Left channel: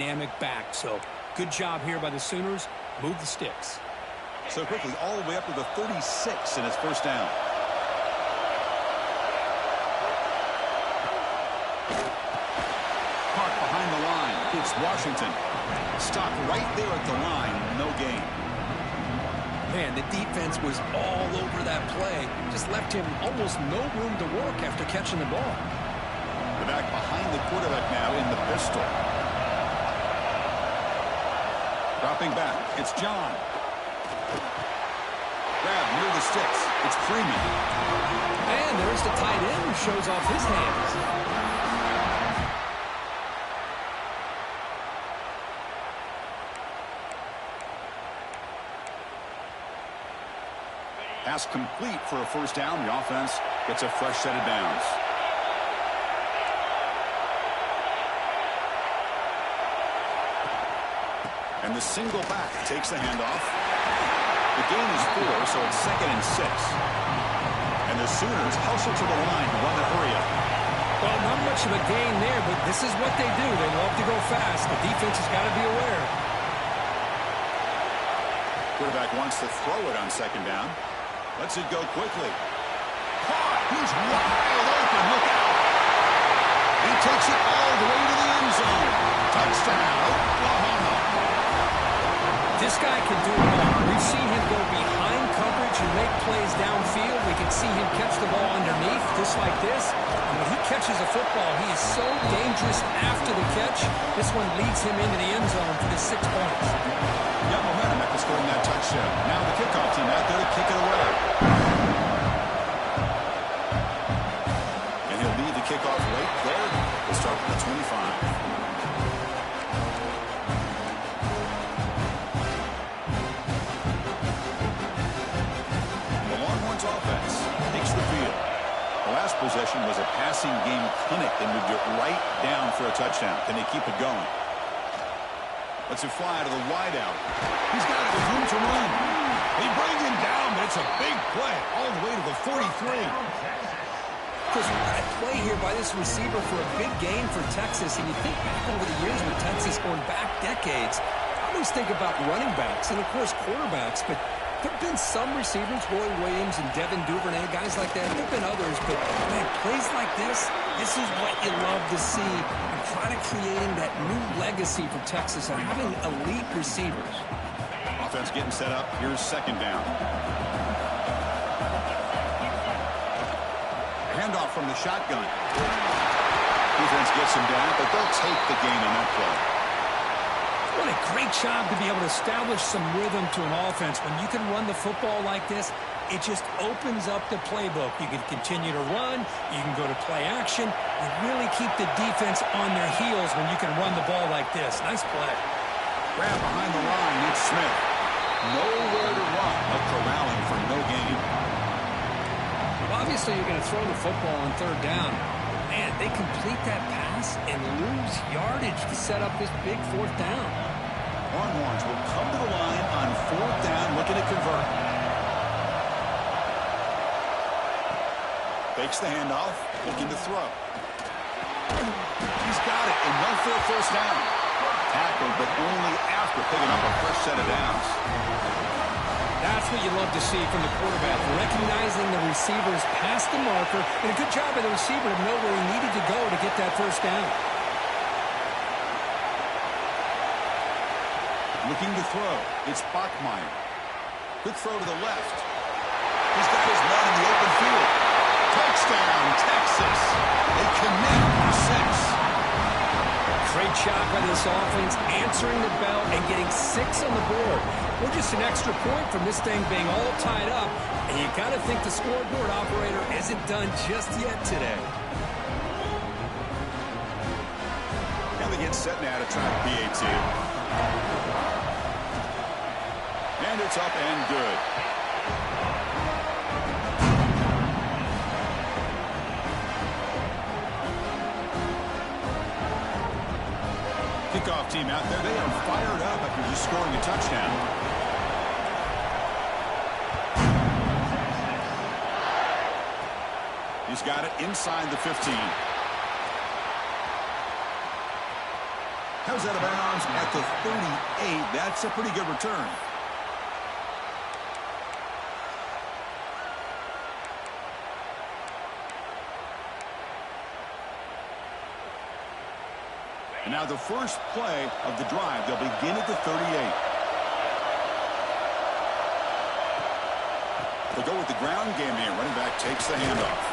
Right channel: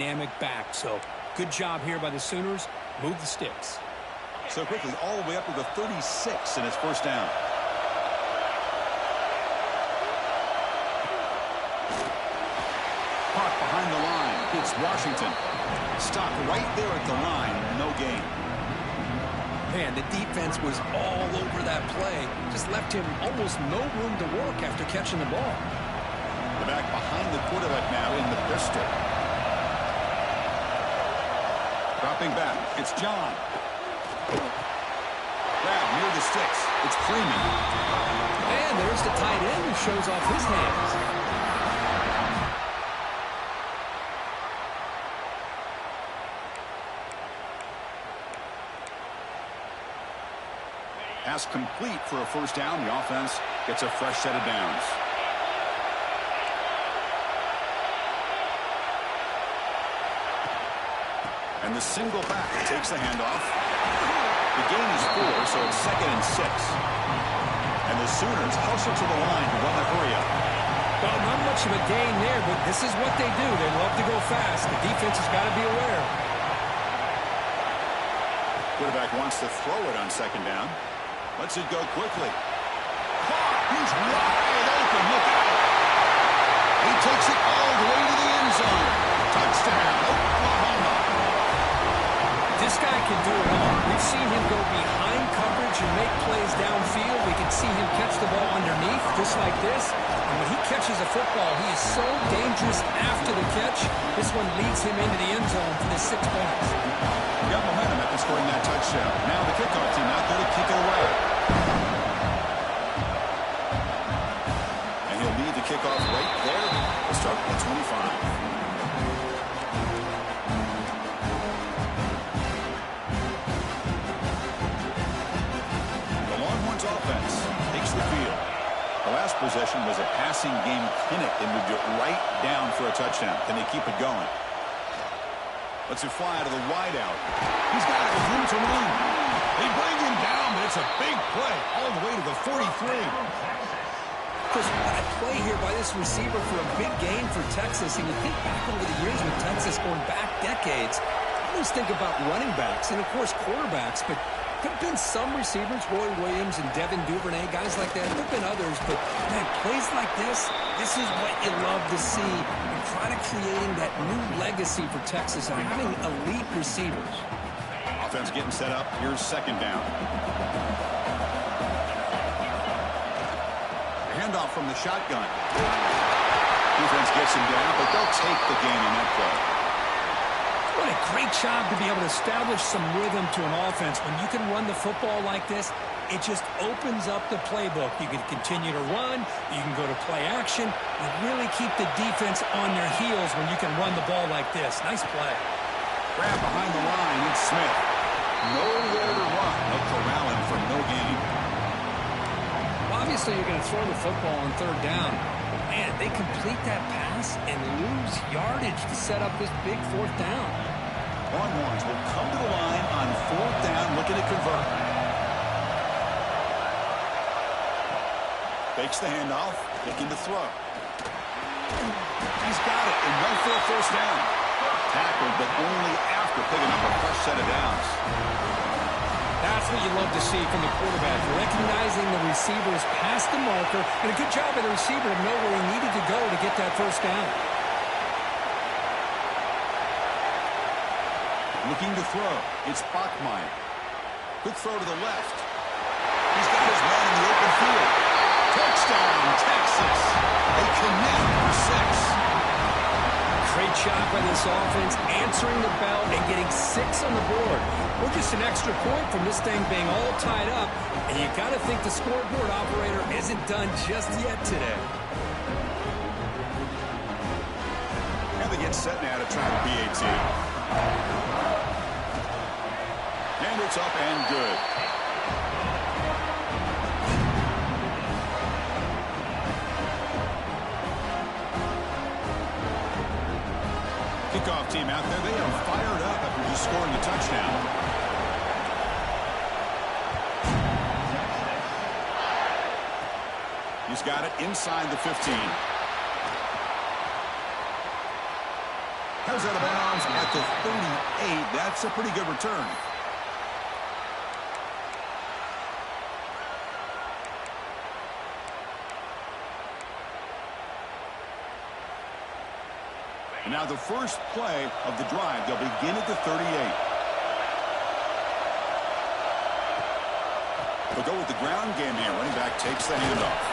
dynamic back. So good job here by the Sooners. Move the sticks. So quickly all the way up to the 36 and it's first down. Caught behind the line. It's Washington. Stopped right there at the line. No gain. Man, the defense was all over that play. Just left him almost no room to work after catching the ball. The back behind the quarterback now in the pistol. Dropping back. It's John. Grab near the sticks. It's Freeman. And there's the tight end who shows off his hands. Pass complete for a first down. The offense gets a fresh set of downs. And the single back takes the handoff. The gain is 4, so it's 2nd and 6. And the Sooners hustle to the line to run the hurry up. Well, not much of a gain there, but this is what they do. They love to go fast. The defense has got to be aware. Quarterback wants to throw it on 2nd down. Lets it go quickly. Caught. He's wide open. Look out. He takes it all the way to the end zone. Touchdown, Oklahoma. This guy can do it all. We've seen him go behind coverage and make plays downfield. We can see him catch the ball underneath, just like this. And when he catches a football, he is so dangerous after the catch. This one leads him into the end zone for the 6 points. Got momentum after scoring that touchdown. Now the kickoff team out there to kick it away. And he'll lead the kickoff right there. We'll start at the 25. Offense takes the field. The last possession was a passing game clinic. They moved it right down for a touchdown. Can they keep it going? Lets it fly to the wideout. He's got it with room to run. They bring him down, but it's a big play all the way to the 43. Chris, what a play here by this receiver for a big gain for Texas. And you think back over the years with Texas going back decades, I always think about running backs and, of course, quarterbacks, but there have been some receivers, Roy Williams and Devin Duvernay, guys like that. There have been others, but, man, plays like this is what you love to see. And kind of creating that new legacy for Texas of having elite receivers. Offense getting set up. Here's 2nd down. A handoff from the shotgun. Defense gets him down, but they'll take the gain on that play. What a great job to be able to establish some rhythm to an offense. When you can run the football like this, it just opens up the playbook. You can continue to run. You can go to play action. You really keep the defense on their heels when you can run the ball like this. Nice play. Grab behind the line. It's Smith. Nowhere to run. They'll corral him for no gain. Well, obviously, you're going to throw the football on 3rd down. Man, they complete that pass and lose yardage to set up this big 4th down. Longhorns will come to the line on 4th down, looking to convert. Fakes the handoff, looking to throw. He's got it, enough for a first down. Tackled, but only after picking up a fresh set of downs. That's what you love to see from the quarterback, recognizing the receivers past the marker, and a good job by the receiver to know where he needed to go to get that first down. Looking to throw. It's Bachmeier. Quick throw to the left. He's got his man in the open field. Touchdown, Texas. They connect for 6. Great job by this offense, answering the bell and getting 6 on the board. We're just an extra point from this thing being all tied up, and you got to think the scoreboard operator isn't done just yet today. And they get set now to try the PAT. And it's up and good. Kickoff team out there, they are fired up after just scoring a touchdown. He's got it inside the 15. Comes out of bounds at the 38. That's a pretty good return. And now the first play of the drive. They'll begin at the 38. They'll go with the ground game here. Running back takes the handoff.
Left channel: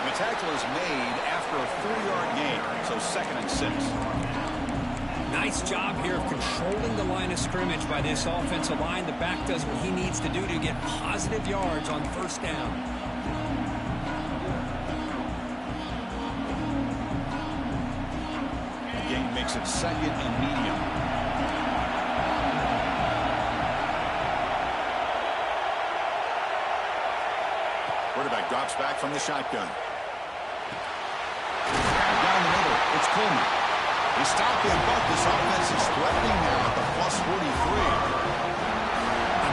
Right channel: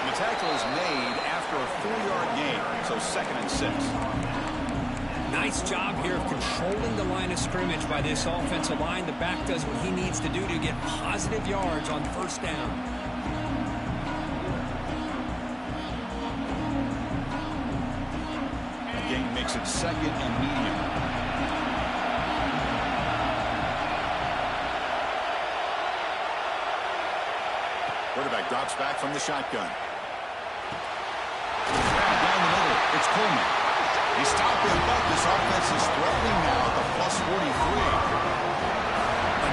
And the tackle is made after a 4-yard gain, so 2nd and 6. Nice job here of controlling the line of scrimmage by this offensive line. The back does what he needs to do to get positive yards on first down. The gain makes it 2nd and medium. Quarterback drops back from the shotgun. Grab down the middle. It's Coleman. He stopped him, but this offense is threatening now at the plus 43.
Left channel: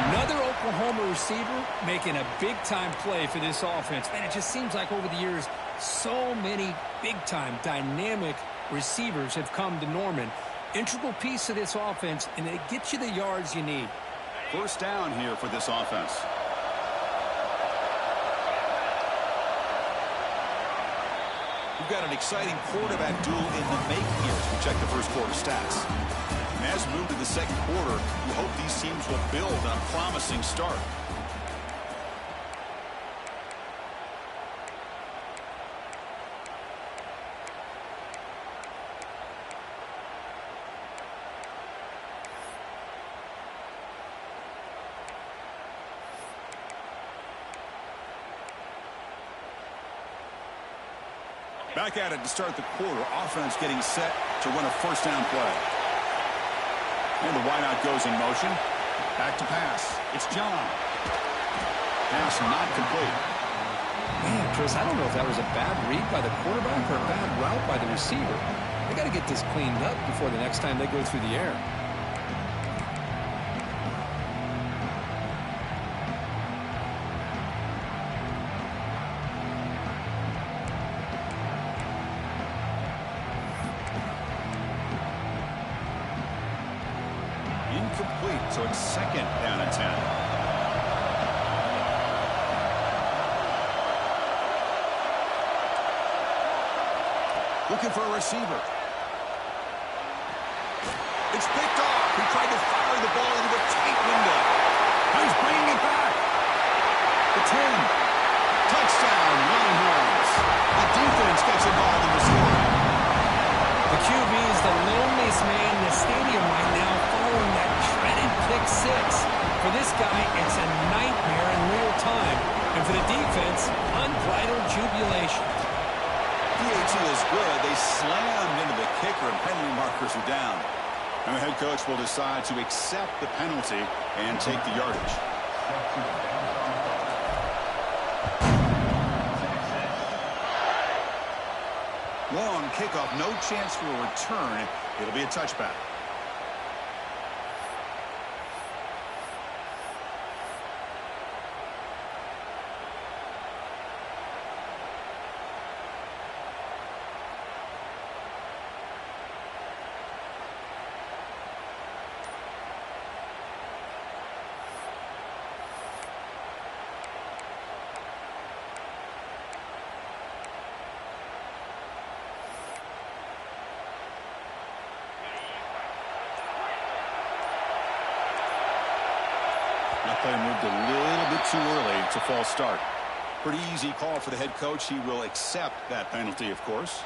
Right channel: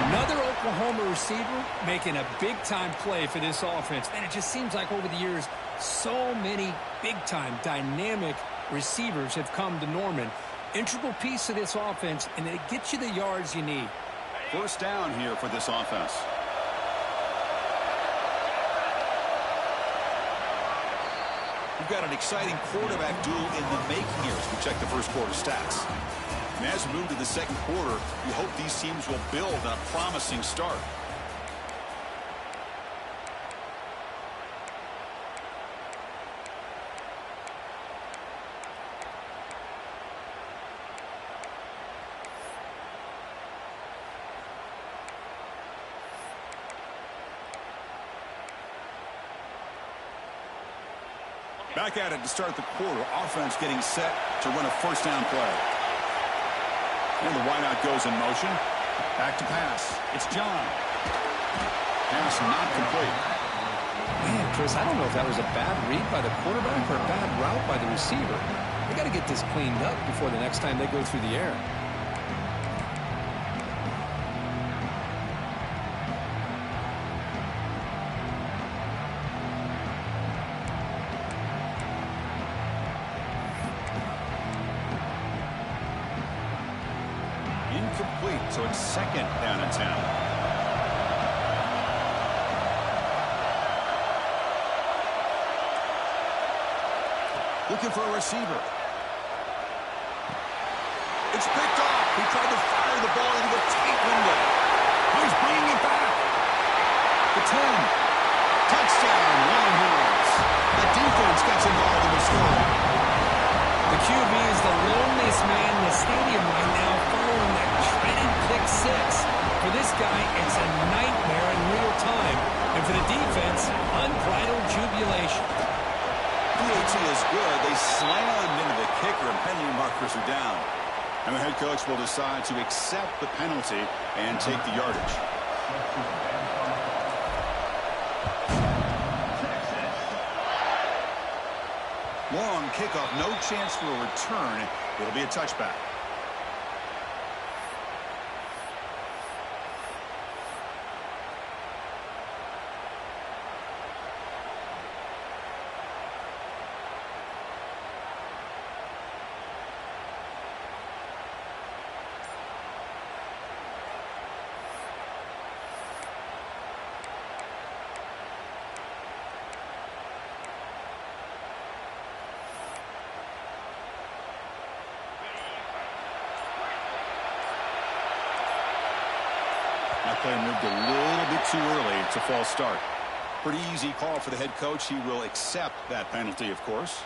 Another Oklahoma receiver making a big-time play for this offense. Man, it just seems like over the years, so many big-time, dynamic receivers have come to Norman. Integral piece of this offense, and it gets you the yards you need. First down here for this offense. We've got an exciting quarterback duel in the making here as we check the first quarter stats. And as we move to the second quarter, we hope these teams will build on a promising start. Back at it to start the quarter. Offense getting set to run a first down play. And the wideout goes in motion. Back to pass. It's John. Pass not complete. Man, Chris, I don't know if that was a bad read by the quarterback or a bad route by the receiver. They got to get this cleaned up before the next time they go through the air. Incomplete, so it's 2nd down and 10. Looking for a receiver. It's picked off. He tried to fire the ball into a tight window. Now he's bringing it back. The 10. Touchdown, Longhorns. The defense gets involved in the scoring. The QB is the loneliest man in the stadium right now following that dreaded pick 6. For this guy, it's a nightmare in real time. And for the defense, unbridled jubilation. PAT is good. They slammed into the kicker, and penalty markers are down. And the head coach will decide to accept the penalty and take the yardage. Long kickoff, no chance for a return. It'll be a touchback. That play moved a little bit too early. It's a false start. Pretty easy call for the head coach. He will accept that penalty, of course.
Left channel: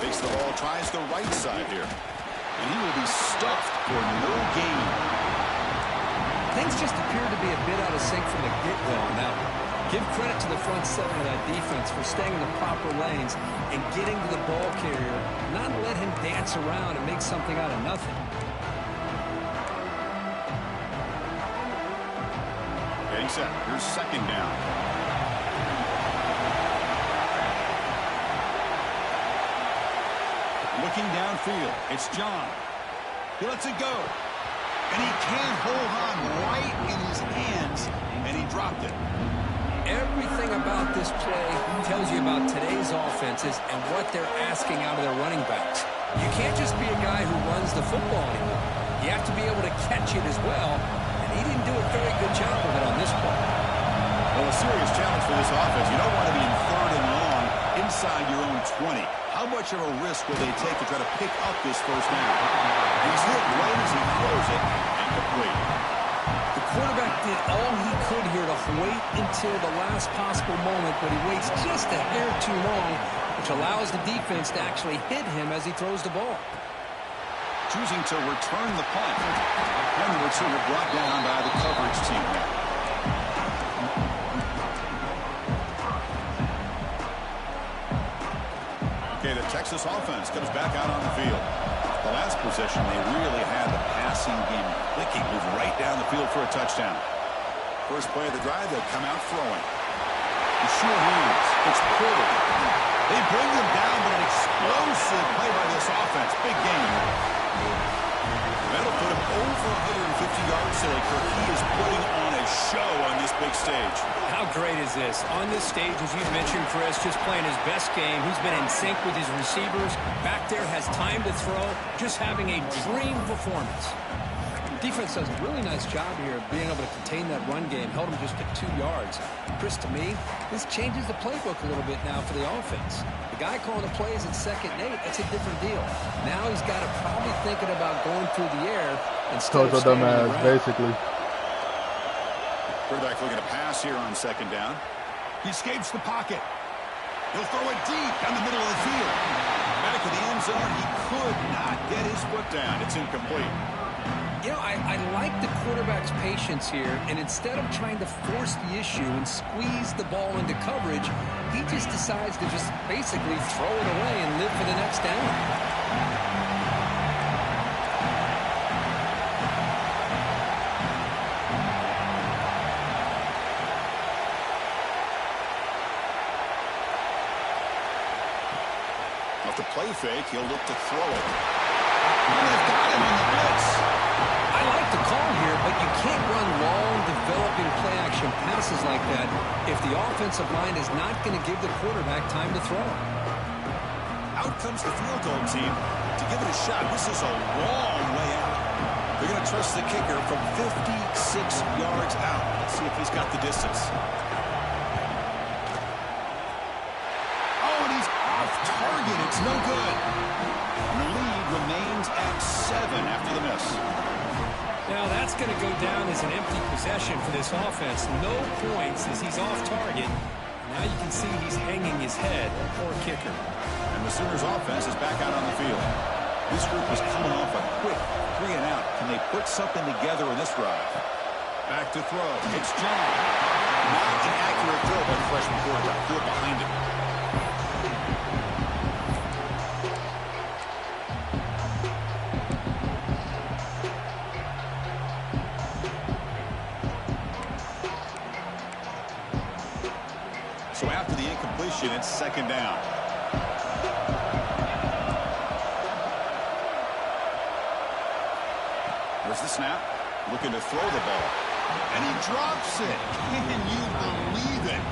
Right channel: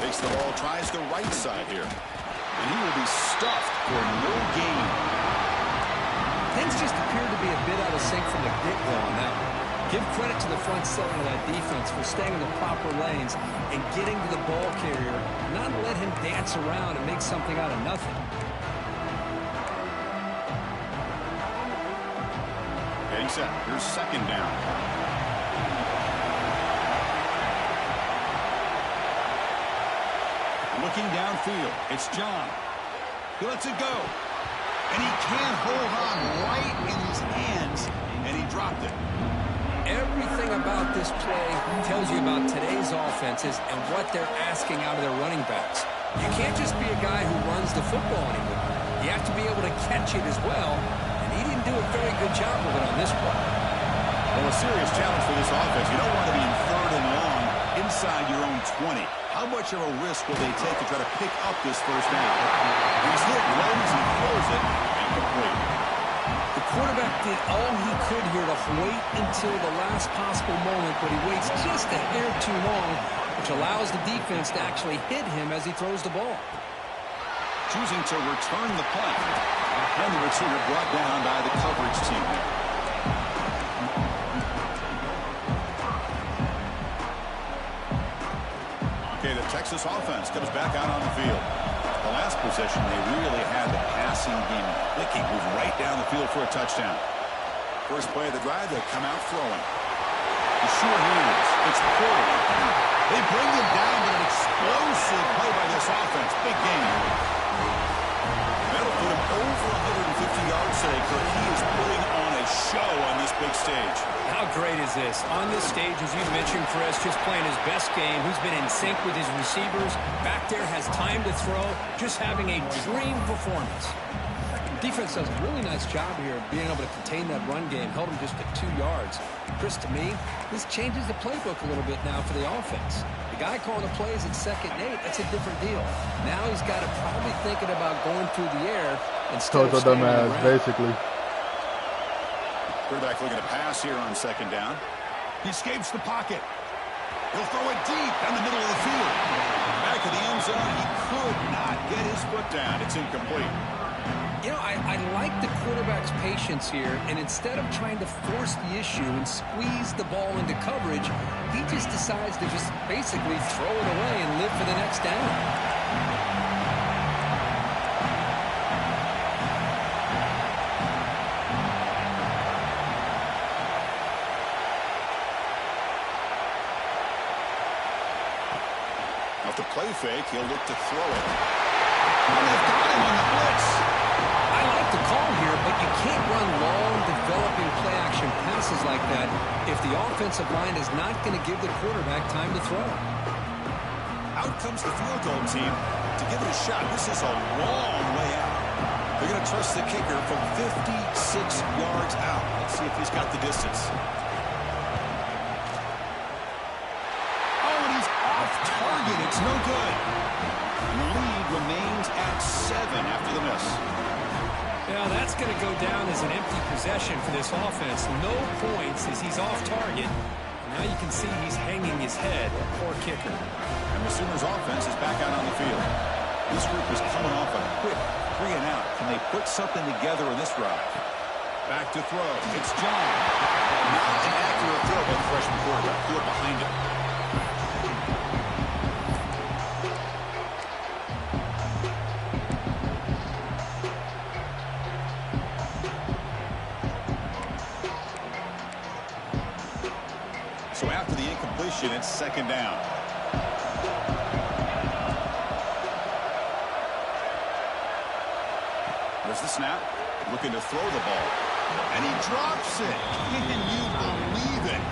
Takes the ball, tries the right side here. And he will be stuffed for no gain. Things just appear to be a bit out of sync from the get-go on that one. Give credit to the front seven of that defense for staying in the proper lanes and getting to the ball carrier, not let him dance around and make something out of nothing. And Getting set. Here's second down. Looking downfield. It's John. He lets it go. And he can't hold on right in his hands. And he dropped it. Everything about this play tells you about today's offenses and what they're asking out of their running backs. You can't just be a guy who runs the football anymore. You have to be able to catch it as well, and he didn't do a very good job of it on this play. Well, a serious challenge for this offense. You don't want to be in 3rd and long inside your own 20. How much of a risk will they take to try to pick up this first down? He's hit right as he throws it, and complete. The quarterback did all he could here to wait until the last possible moment, but he waits just a hair too long, which allows the defense to actually hit him as he throws the ball. Choosing to return the punt. And the returner brought down by the coverage team there. Okay, the Texas offense comes back out on the field. The last possession, they really had the passing game clicking, move right down the field for a touchdown. First play of the drive, they come out throwing. The sure hands. It's Porter. They bring them down, but an explosive play by this offense. Big game. That'll put him over 150 yards today, Kirk. He is putting on a show on this big stage. How great is this? On this stage, as you mentioned, Chris, just playing his best game. He's been in sync with his receivers. Back there, has time to throw. Just having a dream performance. Defense does a really nice job here of being able to contain that run game. Held him just at 2 yards. Chris, to me, this changes the playbook a little bit now for the offense. The guy calling the plays at 2nd and 8, that's a different deal. Now he's got to probably thinking about going through the air instead of standing on the ground. Basically. Quarterback looking to pass here on 2nd down. He escapes the pocket. He'll throw it deep down the middle of the field. Back of the end zone, he could not get his foot down. It's incomplete. You know, I like the quarterback's patience here, and instead of trying to force the issue and squeeze the ball into coverage, he just decides to just basically throw it away and live for the next down. Off the play fake, he'll look to throw it. And they've got him on the blitz. I like the call here, but you can't run long, developing play-action passes like that if the offensive line is not going to give the quarterback time to throw. Out comes the field goal team to give it a shot. This is a long way out. They're going to trust the kicker from 56 yards out. Let's see if he's got the distance. Oh, and he's off target. It's no good. And the lead remains at 7 after the miss. Now that's going to go down as an empty possession for this offense. No points as he's off target. Now you can see he's hanging his head. Poor kicker. And the Sooners offense is back out on the field. This group is coming off a quick 3 and out. Can they put something together in this drive? Back to throw. It's John. Not an accurate throw by the freshman quarterback. Threw it behind him. So after the incompletion, it's 2nd down. There's the snap. Looking to throw the ball. And he drops it. Can you believe it?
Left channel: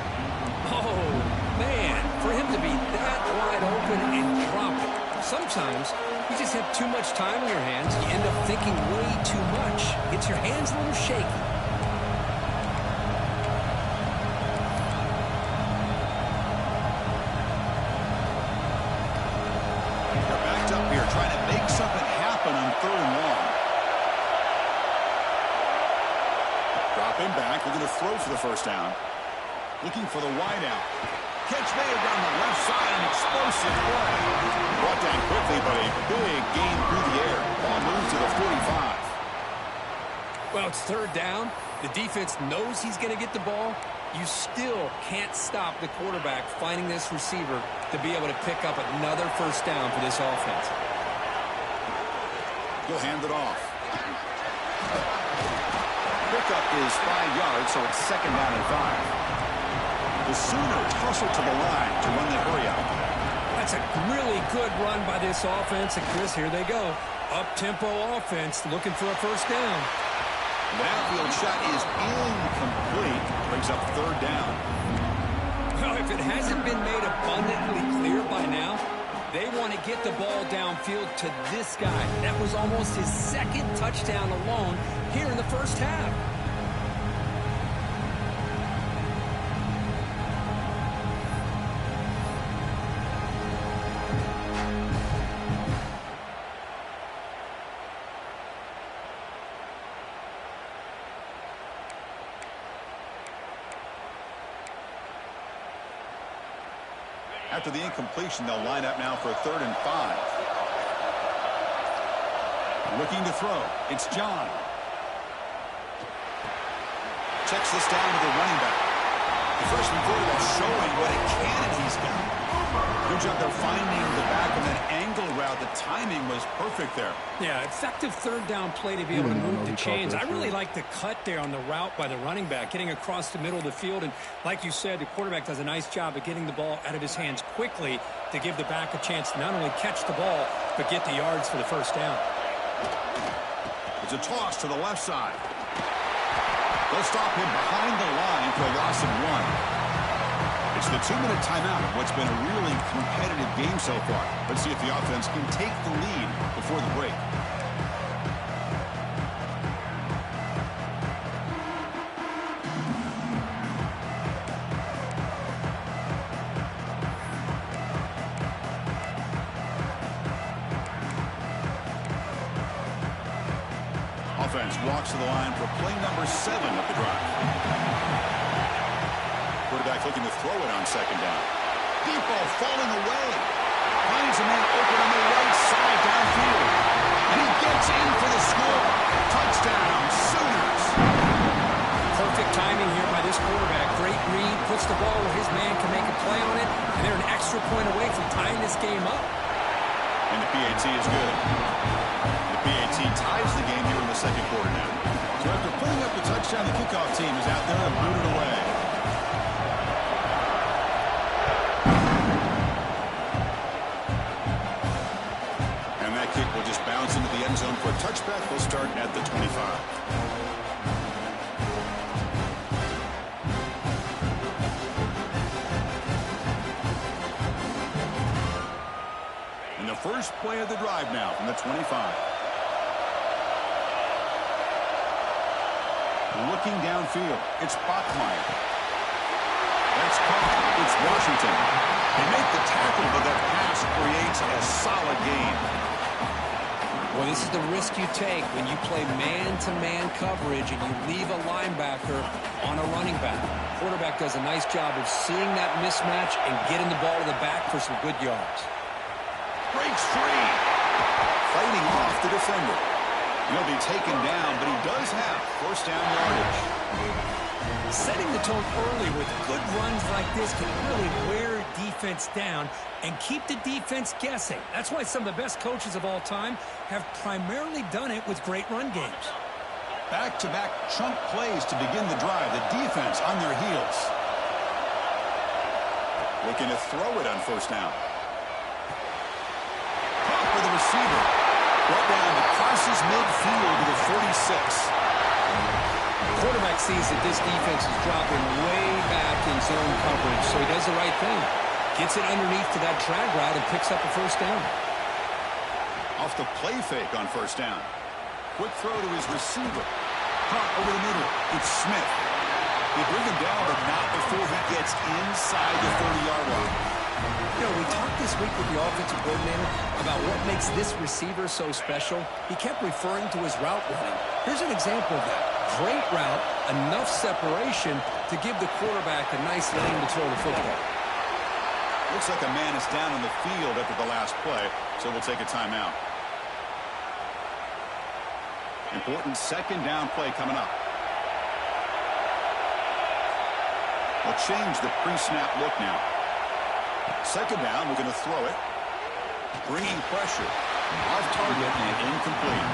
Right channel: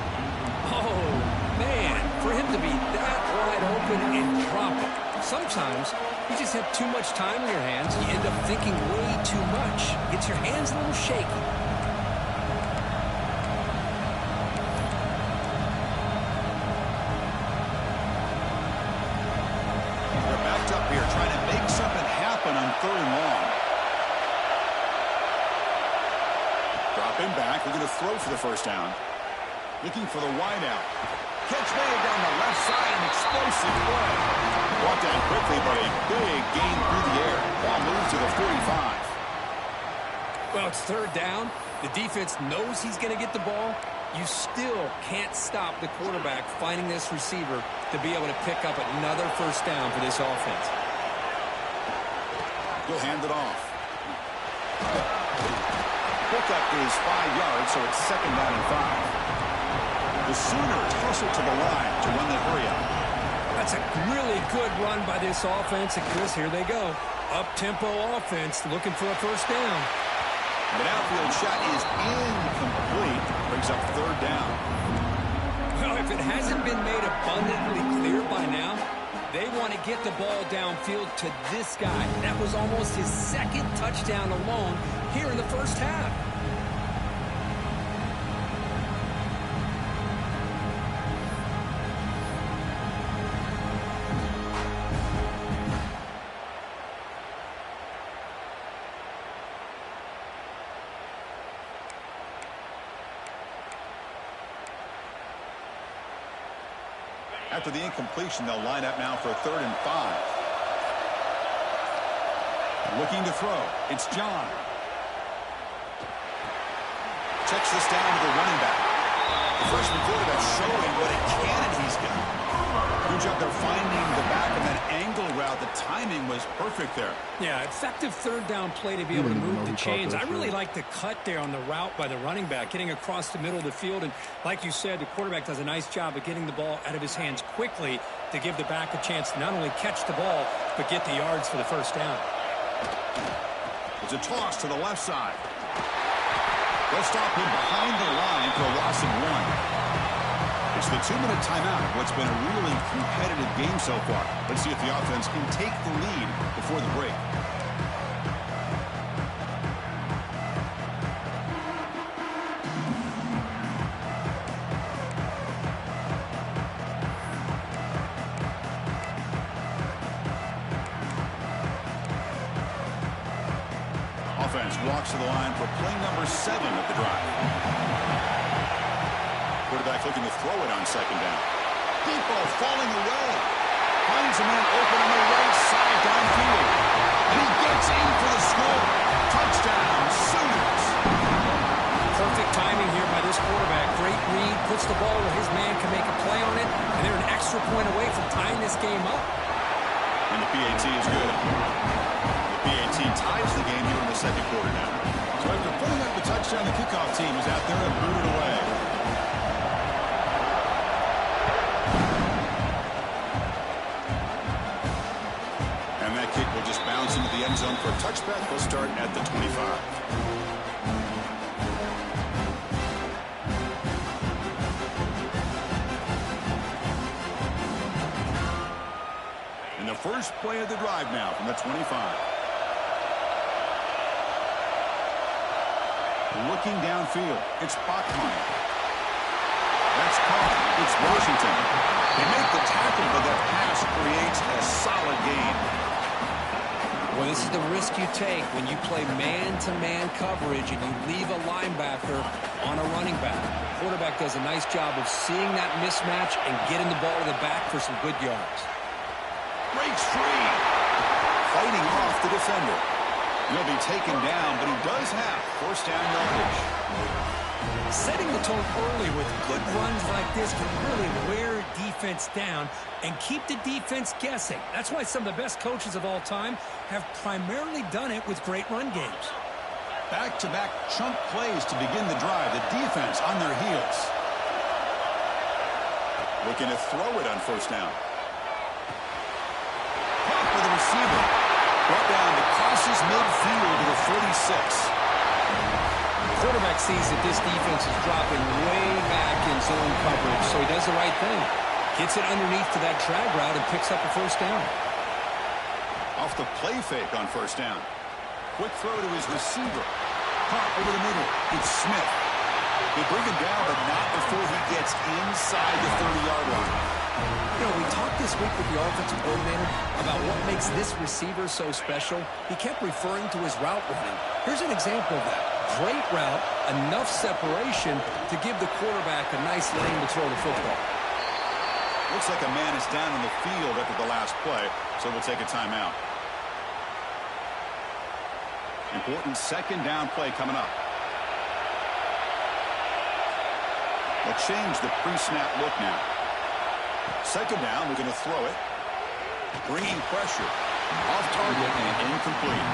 Oh, man. For him to be that wide open and drop it. Sometimes you just have too much time in your hands. You end up thinking way too much. Gets your hands a little shaky. Up here trying to make something happen on 3rd and long. Dropping back, looking to throw for the first down. Looking for the wide out. Catch made down the left side, an explosive play. Brought down quickly, but a big gain through the air. Ball moves to the 45. Well, it's 3rd down. The defense knows he's going to get the ball. You still can't stop the quarterback finding this receiver to be able to pick up another first down for this offense. He'll hand it off. pickup is 5 yards, so it's 2nd down and 5. The Sooners hustle to the line to run the hurry out. That's a really good run by this offense. And Chris, here they go. Up-tempo offense looking for a first down. The downfield shot is incomplete. Brings up 3rd down. Well, if it hasn't been made abundantly clear by now, they want to get the ball downfield to this guy. That was almost his 2nd touchdown alone here in the first half. After the incompletion, they'll line up now for a 3rd and 5. Looking to throw. It's John. Checks this down to the running back. The freshman quarterback showing what a cannon he's got. Good job there finding the back of that angle route. The timing was perfect there. Yeah, effective 3rd down play to be able to move the chains. I really like the cut there on the route by the running back, getting across the middle of the field. And like you said, the quarterback does a nice job of getting the ball out of his hands quickly to give the back a chance to not only catch the ball, but get the yards for the first down. It's a toss to the left side. They'll stop him behind the line for a loss of 1. It's the 2-minute timeout of what's been a really competitive game so far. Let's see if the offense can take the lead before the break. Offense walks to the line for play number 7 of the drive. Quarterback looking to throw it on 2nd down. Deep ball falling away. Finds a man open on the right side downfield. And he gets in for the score. Touchdown, Sooners. Perfect timing here by this quarterback. Great read, puts the ball where his man can make a play on it, and they're an extra point away from tying this game up. And the PAT is good. The PAT ties the game here in the 2nd quarter now. So after putting up the touchdown, the kickoff team is out there and booted away. And that kick will just bounce into the end zone for a touchback. We'll start at the 25. And the first play of the drive now from the 25. Looking downfield, it's Bachmeier. That's caught. It's Washington. They make the tackle, but that pass creates a solid gain. Well, this is the risk you take when you play man-to-man coverage and you leave a linebacker on a running back. Quarterback does a nice job of seeing that mismatch and getting the ball to the back for some good yards. Breaks free. Fighting off the defender. He'll be taken down, but he does have first down yardage. Setting the tone early with good runs like this can really wear defense down and keep the defense guessing. That's why some of the best coaches of all time have primarily done it with great run games. Back-to-back chunk plays to begin the drive. The defense on their heels. Looking to throw it on first down. Caught by the receiver. Brought down to crosses midfield to the 46. Quarterback sees that this defense is dropping way back in zone coverage, so he does the right thing. Gets it underneath to that drag route and picks up a first down. Off the play fake on first down. Quick throw to his receiver. Caught over the middle. It's Smith. They bring him down, but not before he gets inside the 30-yard line. You know, we talked this week with the offensive coordinator about what makes this receiver so special. He kept referring to his route running. Here's an example of that. Great route, enough separation to give the quarterback a nice lane to throw the football. Looks like a man is down on the field after the last play, so we'll take a timeout. Important second down play coming up. We'll change the pre-snap look now. Second down, we're going to throw it. Bringing pressure. Off target and incomplete.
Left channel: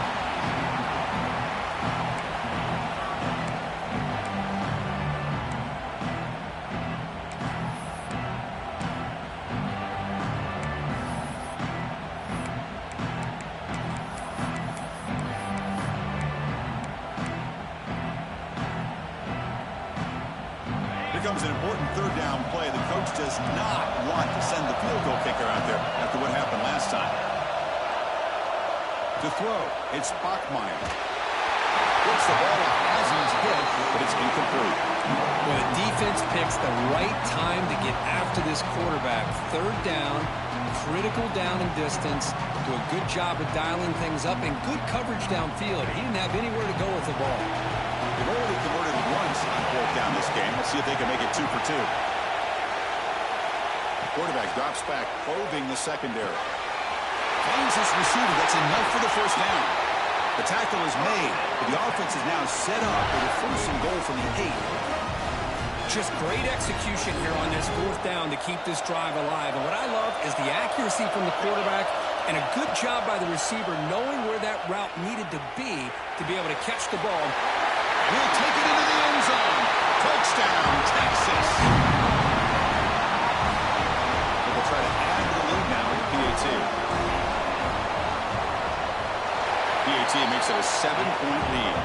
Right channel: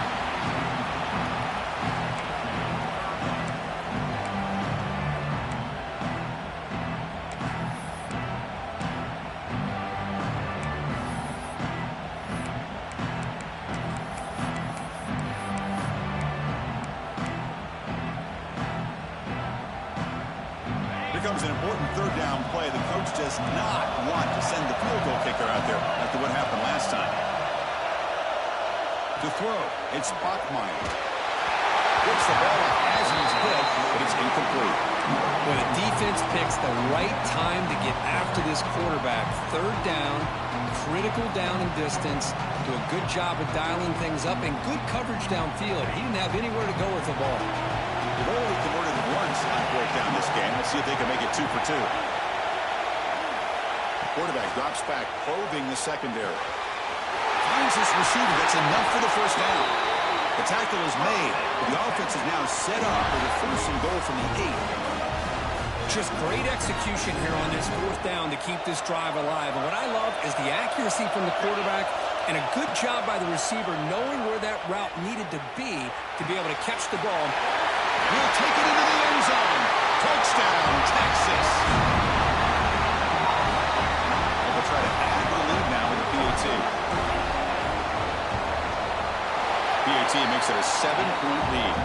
Here comes an important third down play. The coach does not want to send the field goal kicker out there after what happened last time. To throw, it's Bachmeier. Gets the ball up as he's hit, but it's incomplete. Well, the defense picks the right time to get after this quarterback. Third down, critical down and distance. Do a good job of dialing things up and good coverage downfield. He didn't have anywhere to go with the ball. They've already converted once on fourth down this game. Let's see if they can make it 2 for 2. Quarterback drops back, probing the secondary. Finds his receiver. That's enough for the first down. The tackle is made, but the offense is now set up for the first and goal from the 8. Just great execution here on this fourth down to keep this drive alive. And what I love is the accuracy from the quarterback and a good job by the receiver knowing where that route needed to be able to catch the ball. He'll take it into the end zone. Touchdown, Texas. And they'll try to add to the lead now with the PAT. PAT makes it a 7-point lead.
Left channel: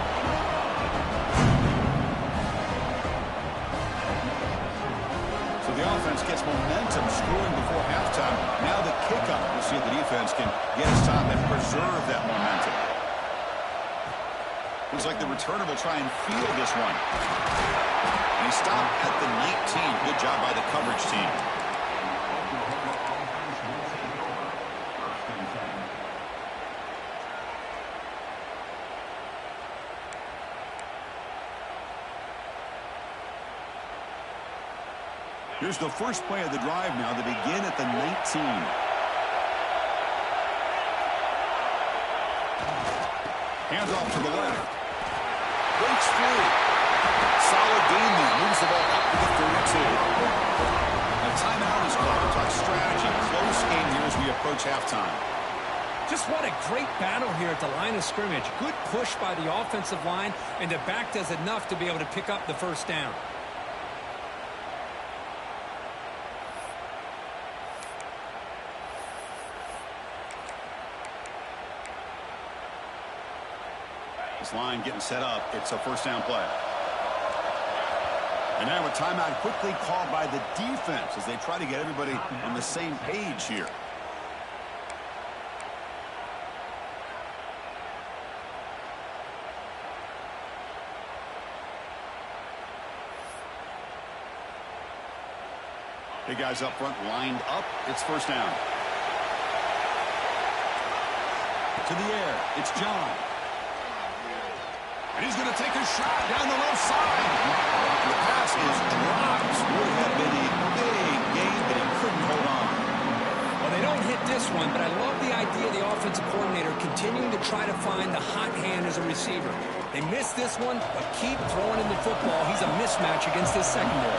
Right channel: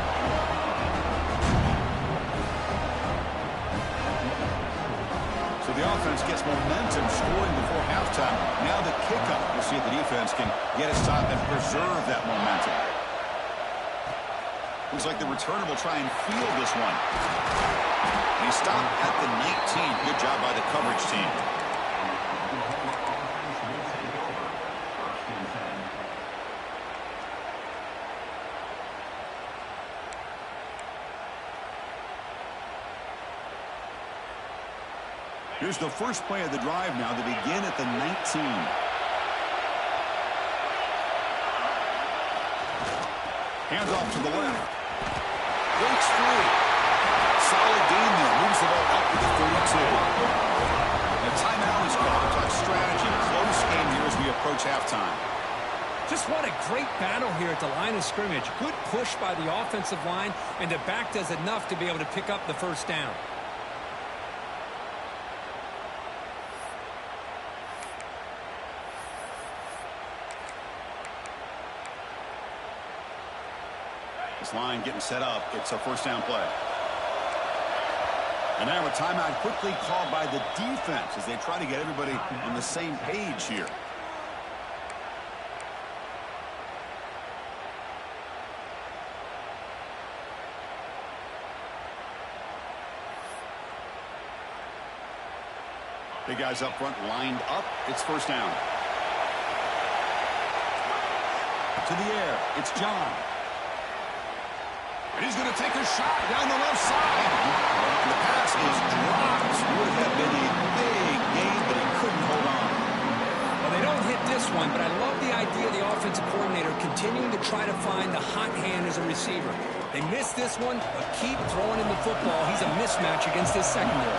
So the offense gets momentum scoring before halftime. Now the kickoff. We'll see if the defense can get a stop and preserve that momentum. Looks like the returner will try and field this one. And he stopped at the 19. Good job by the coverage team. Here's the first play of the drive now. They begin at the 19. Hands off to the left. Breaks free. Solid gain there. Moves the ball up to the 32. A timeout is called to talk strategy. Close game here as we approach halftime. Just what a great battle here at the line of scrimmage. Good push by the offensive line, and the back does enough to be able to pick up the first down. This line getting set up. It's a first down play. And now a timeout quickly called by the defense as they try to get everybody on the same page here. Big guys up front lined up. It's first down. To the air. It's John. And he's going to take a shot down the left side. The pass is dropped. Would have been a big gain, but he couldn't hold on. Well, they don't hit this one, but I love the idea of the offensive coordinator continuing to try to find the hot hand as a receiver. They missed this one, but keep throwing in the football. He's a mismatch against his secondary.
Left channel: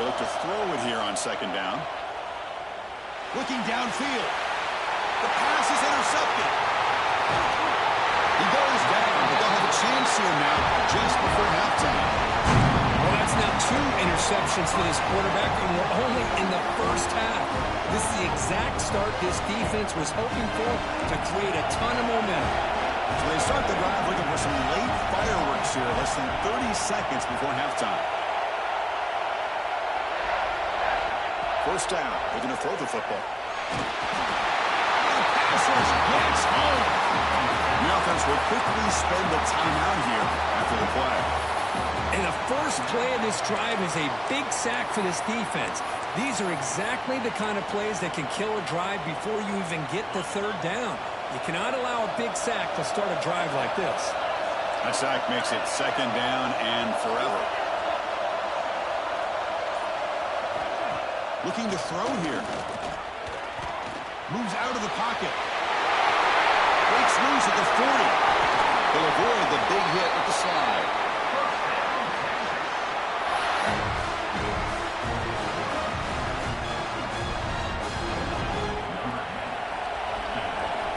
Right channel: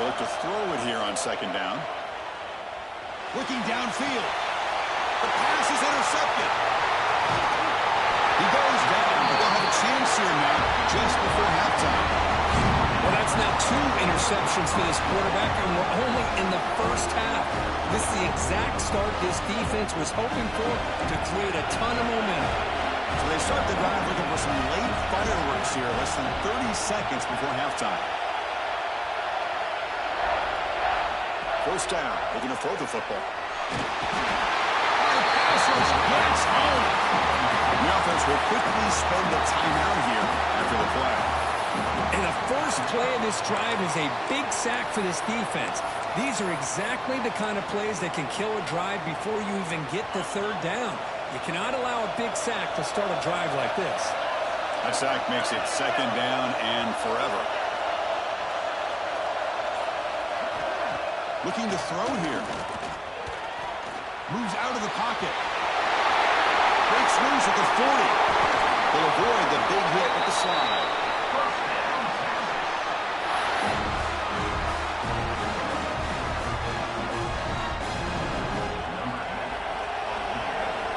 They look to throw it here on second down. Looking downfield. The pass is intercepted. He goes down, but they'll have a chance here now just before halftime. Well, that's now 2 interceptions for this quarterback, and we're only in the first half. This is the exact start this defense was hoping for to create a ton of momentum. So they start the drive looking for some late fireworks here, less than 30 seconds before halftime. First down, they're going to throw the football. And the pass rush gets home. The offense will quickly spend a timeout here after the play. And the first play of this drive is a big sack for this defense. These are exactly the kind of plays that can kill a drive before you even get the third down. You cannot allow a big sack to start a drive like this. That sack makes it second down and forever. Looking to throw here. Moves out of the pocket. Breaks loose at the 40. He'll avoid the big hit with the slide.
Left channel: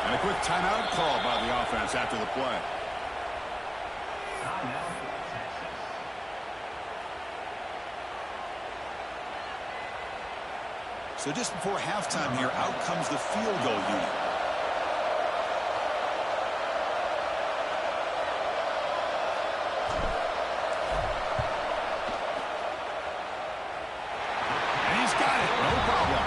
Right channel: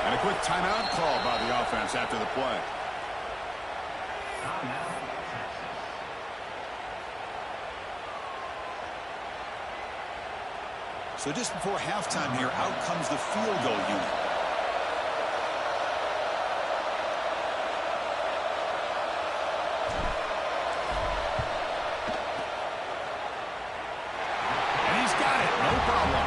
And a quick timeout call by the offense after the play. So just before halftime here, out comes the field goal unit. No problem.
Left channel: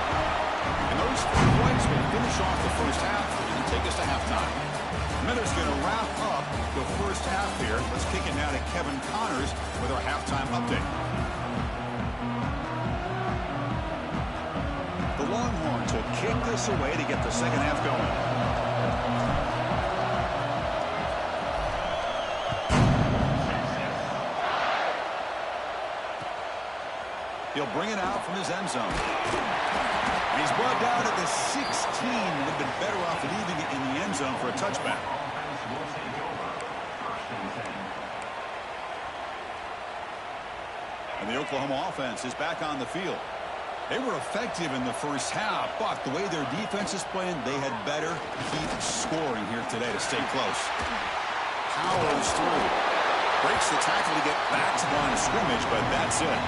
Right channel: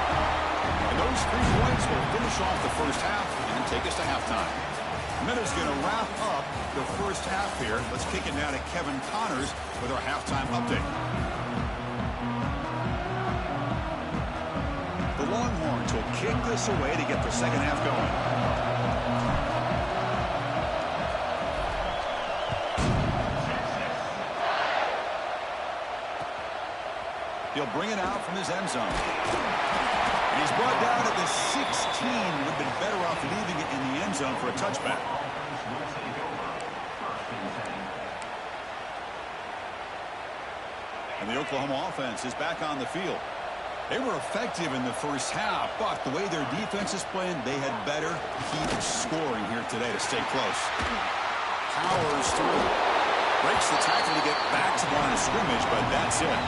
And those 3 points will finish off the first half and take us to halftime. Miller's going to wrap up the first half here. Let's kick it now to Kevin Connors with our halftime update. The Longhorns will kick this away to get the second half going. He'll bring it out from his end zone. And he's brought down at the 16. Would have been better off leaving it in the end zone for a touchback. And the Oklahoma offense is back on the field. They were effective in the first half, but the way their defense is playing, they had better keep scoring here today to stay close. Powers through. Breaks the tackle to get back to the line of scrimmage, but that's it.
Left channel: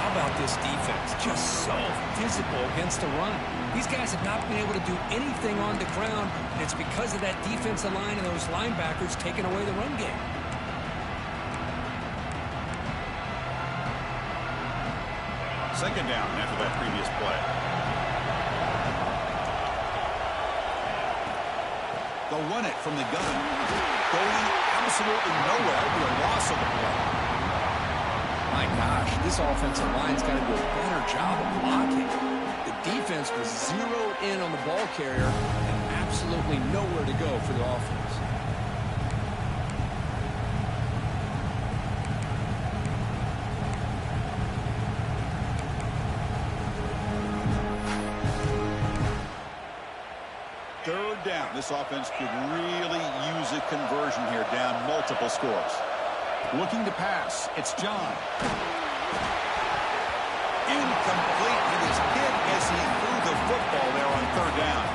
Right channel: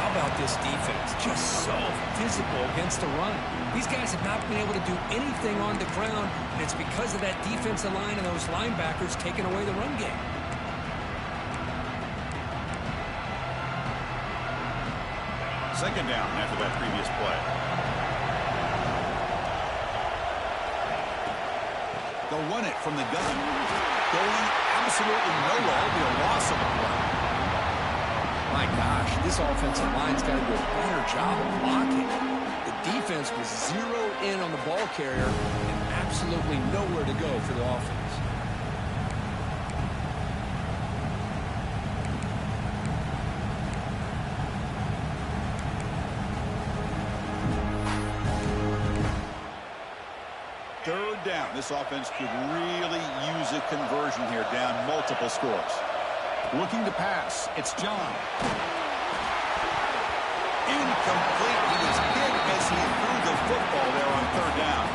How about this defense? Just so physical against the run. These guys have not been able to do anything on the ground, and it's because of that defensive line and those linebackers taking away the run game. Second down after that previous play. They'll run it from the gun. Going absolutely nowhere. It'll be a loss of the play. My gosh, this offensive line's got to do a better job of blocking. The defense was zeroed in on the ball carrier and absolutely nowhere to go for the offense. Third down. This offense could really use a conversion here, down multiple scores. Looking to pass. It's John. Incomplete. He was hit as he threw the football there on third down.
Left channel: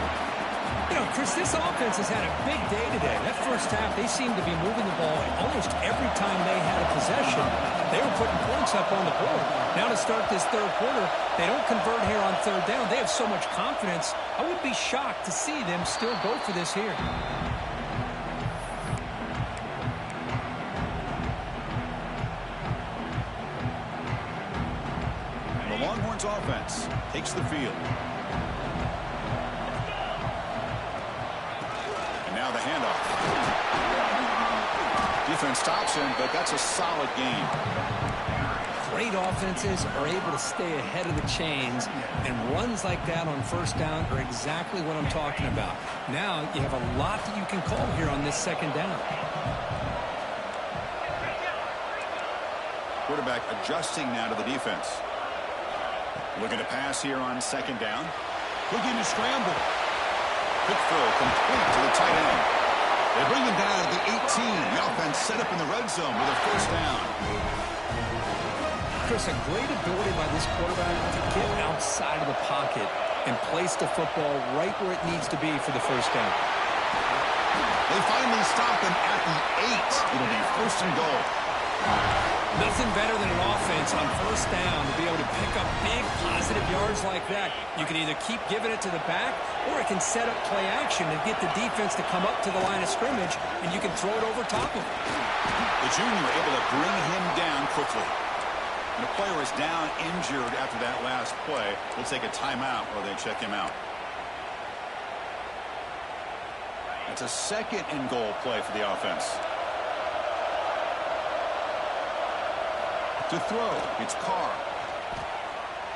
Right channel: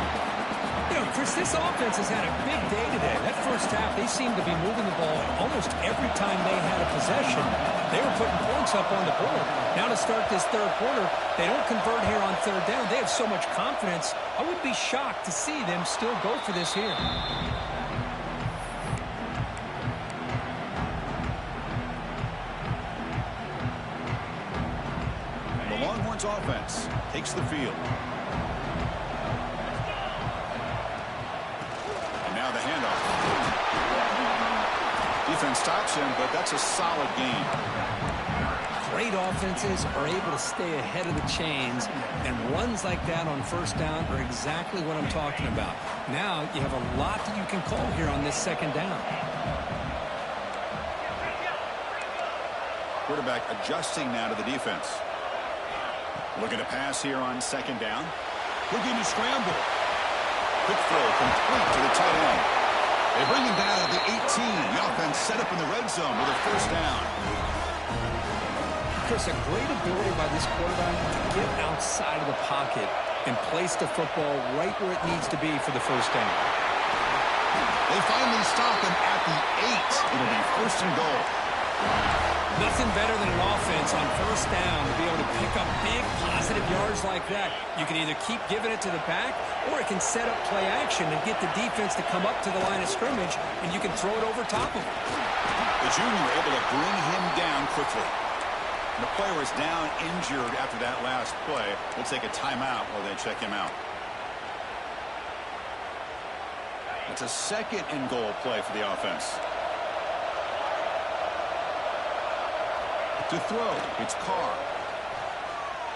You know, Chris, this offense has had a big day today. That first half, they seemed to be moving the ball almost every time they had a possession. They were putting points up on the board. Now to start this third quarter, they don't convert here on third down. They have so much confidence. I would be shocked to see them still go for this here. The Longhorns offense takes the field. And now the handoff. Defense stops him, but that's a solid gain. Great offenses are able to stay ahead of the chains, and runs like that on first down are exactly what I'm talking about. Now you have a lot that you can call here on this second down. Quarterback adjusting now to the defense. Looking to pass here on second down. Looking to scramble. Quick throw complete to the tight end. They bring him down at the 18. The offense set up in the red zone with a first down. Chris, a great ability by this quarterback to get outside of the pocket and place the football right where it needs to be for the first down. They finally stop him at the 8. It'll be first and goal. Nothing better than an offense on first down to be able to pick up big positive yards like that. You can either keep giving it to the back, or it can set up play action and get the defense to come up to the line of scrimmage, and you can throw it over top of him. The junior able to bring him down quickly. And the player is down injured after that last play. We'll take a timeout while they check him out. It's a second and goal play for the offense. To throw, it's Carr.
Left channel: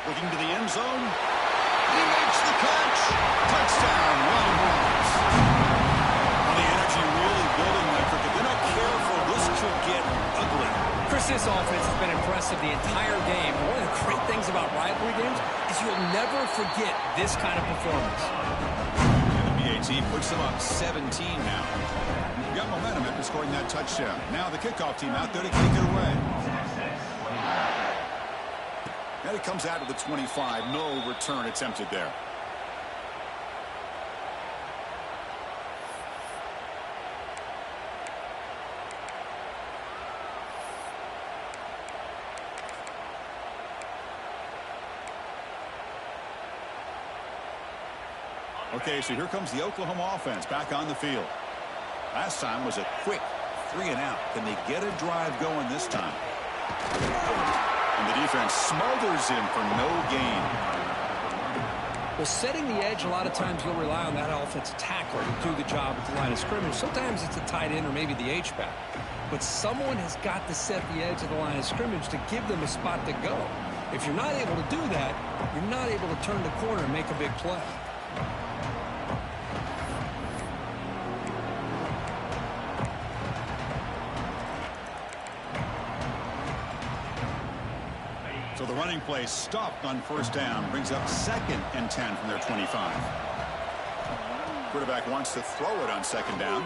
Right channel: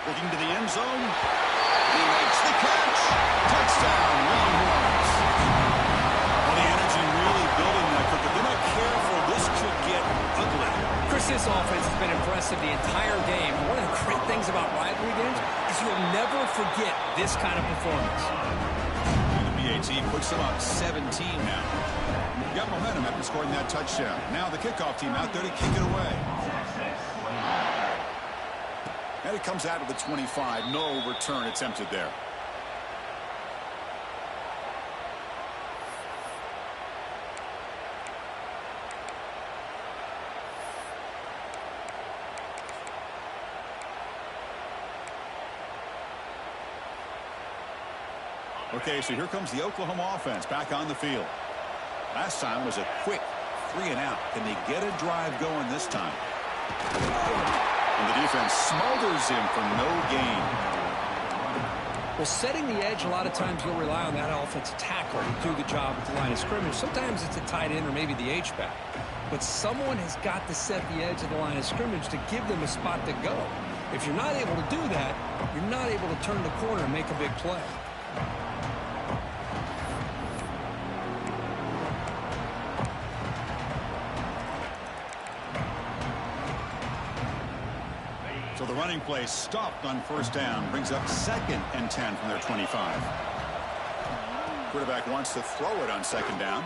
Looking to the end zone. He makes the catch. Touchdown, Longhorns. Well, the energy really building that, Cricket. They're not careful. This could get ugly. Chris, this offense has been impressive the entire game. And one of the great things about rivalry games is you'll never forget this kind of performance. And the BAT puts them up 17 now. Got momentum after scoring that touchdown. Now the kickoff team out there to kick it away. And it comes out of the 25. No return attempted there. Okay, so here comes the Oklahoma offense back on the field. Last time was a quick 3 and out. Can they get a drive going this time? And the defense smothers him for no gain. Well, setting the edge, a lot of times you'll rely on that offensive tackle to do the job at the line of scrimmage. Sometimes it's a tight end or maybe the H-back. But someone has got to set the edge of the line of scrimmage to give them a spot to go. If you're not able to do that, you're not able to turn the corner and make a big play. So the running play stopped on first down, brings up 2nd and 10 from their 25. Quarterback wants to throw it on 2nd down.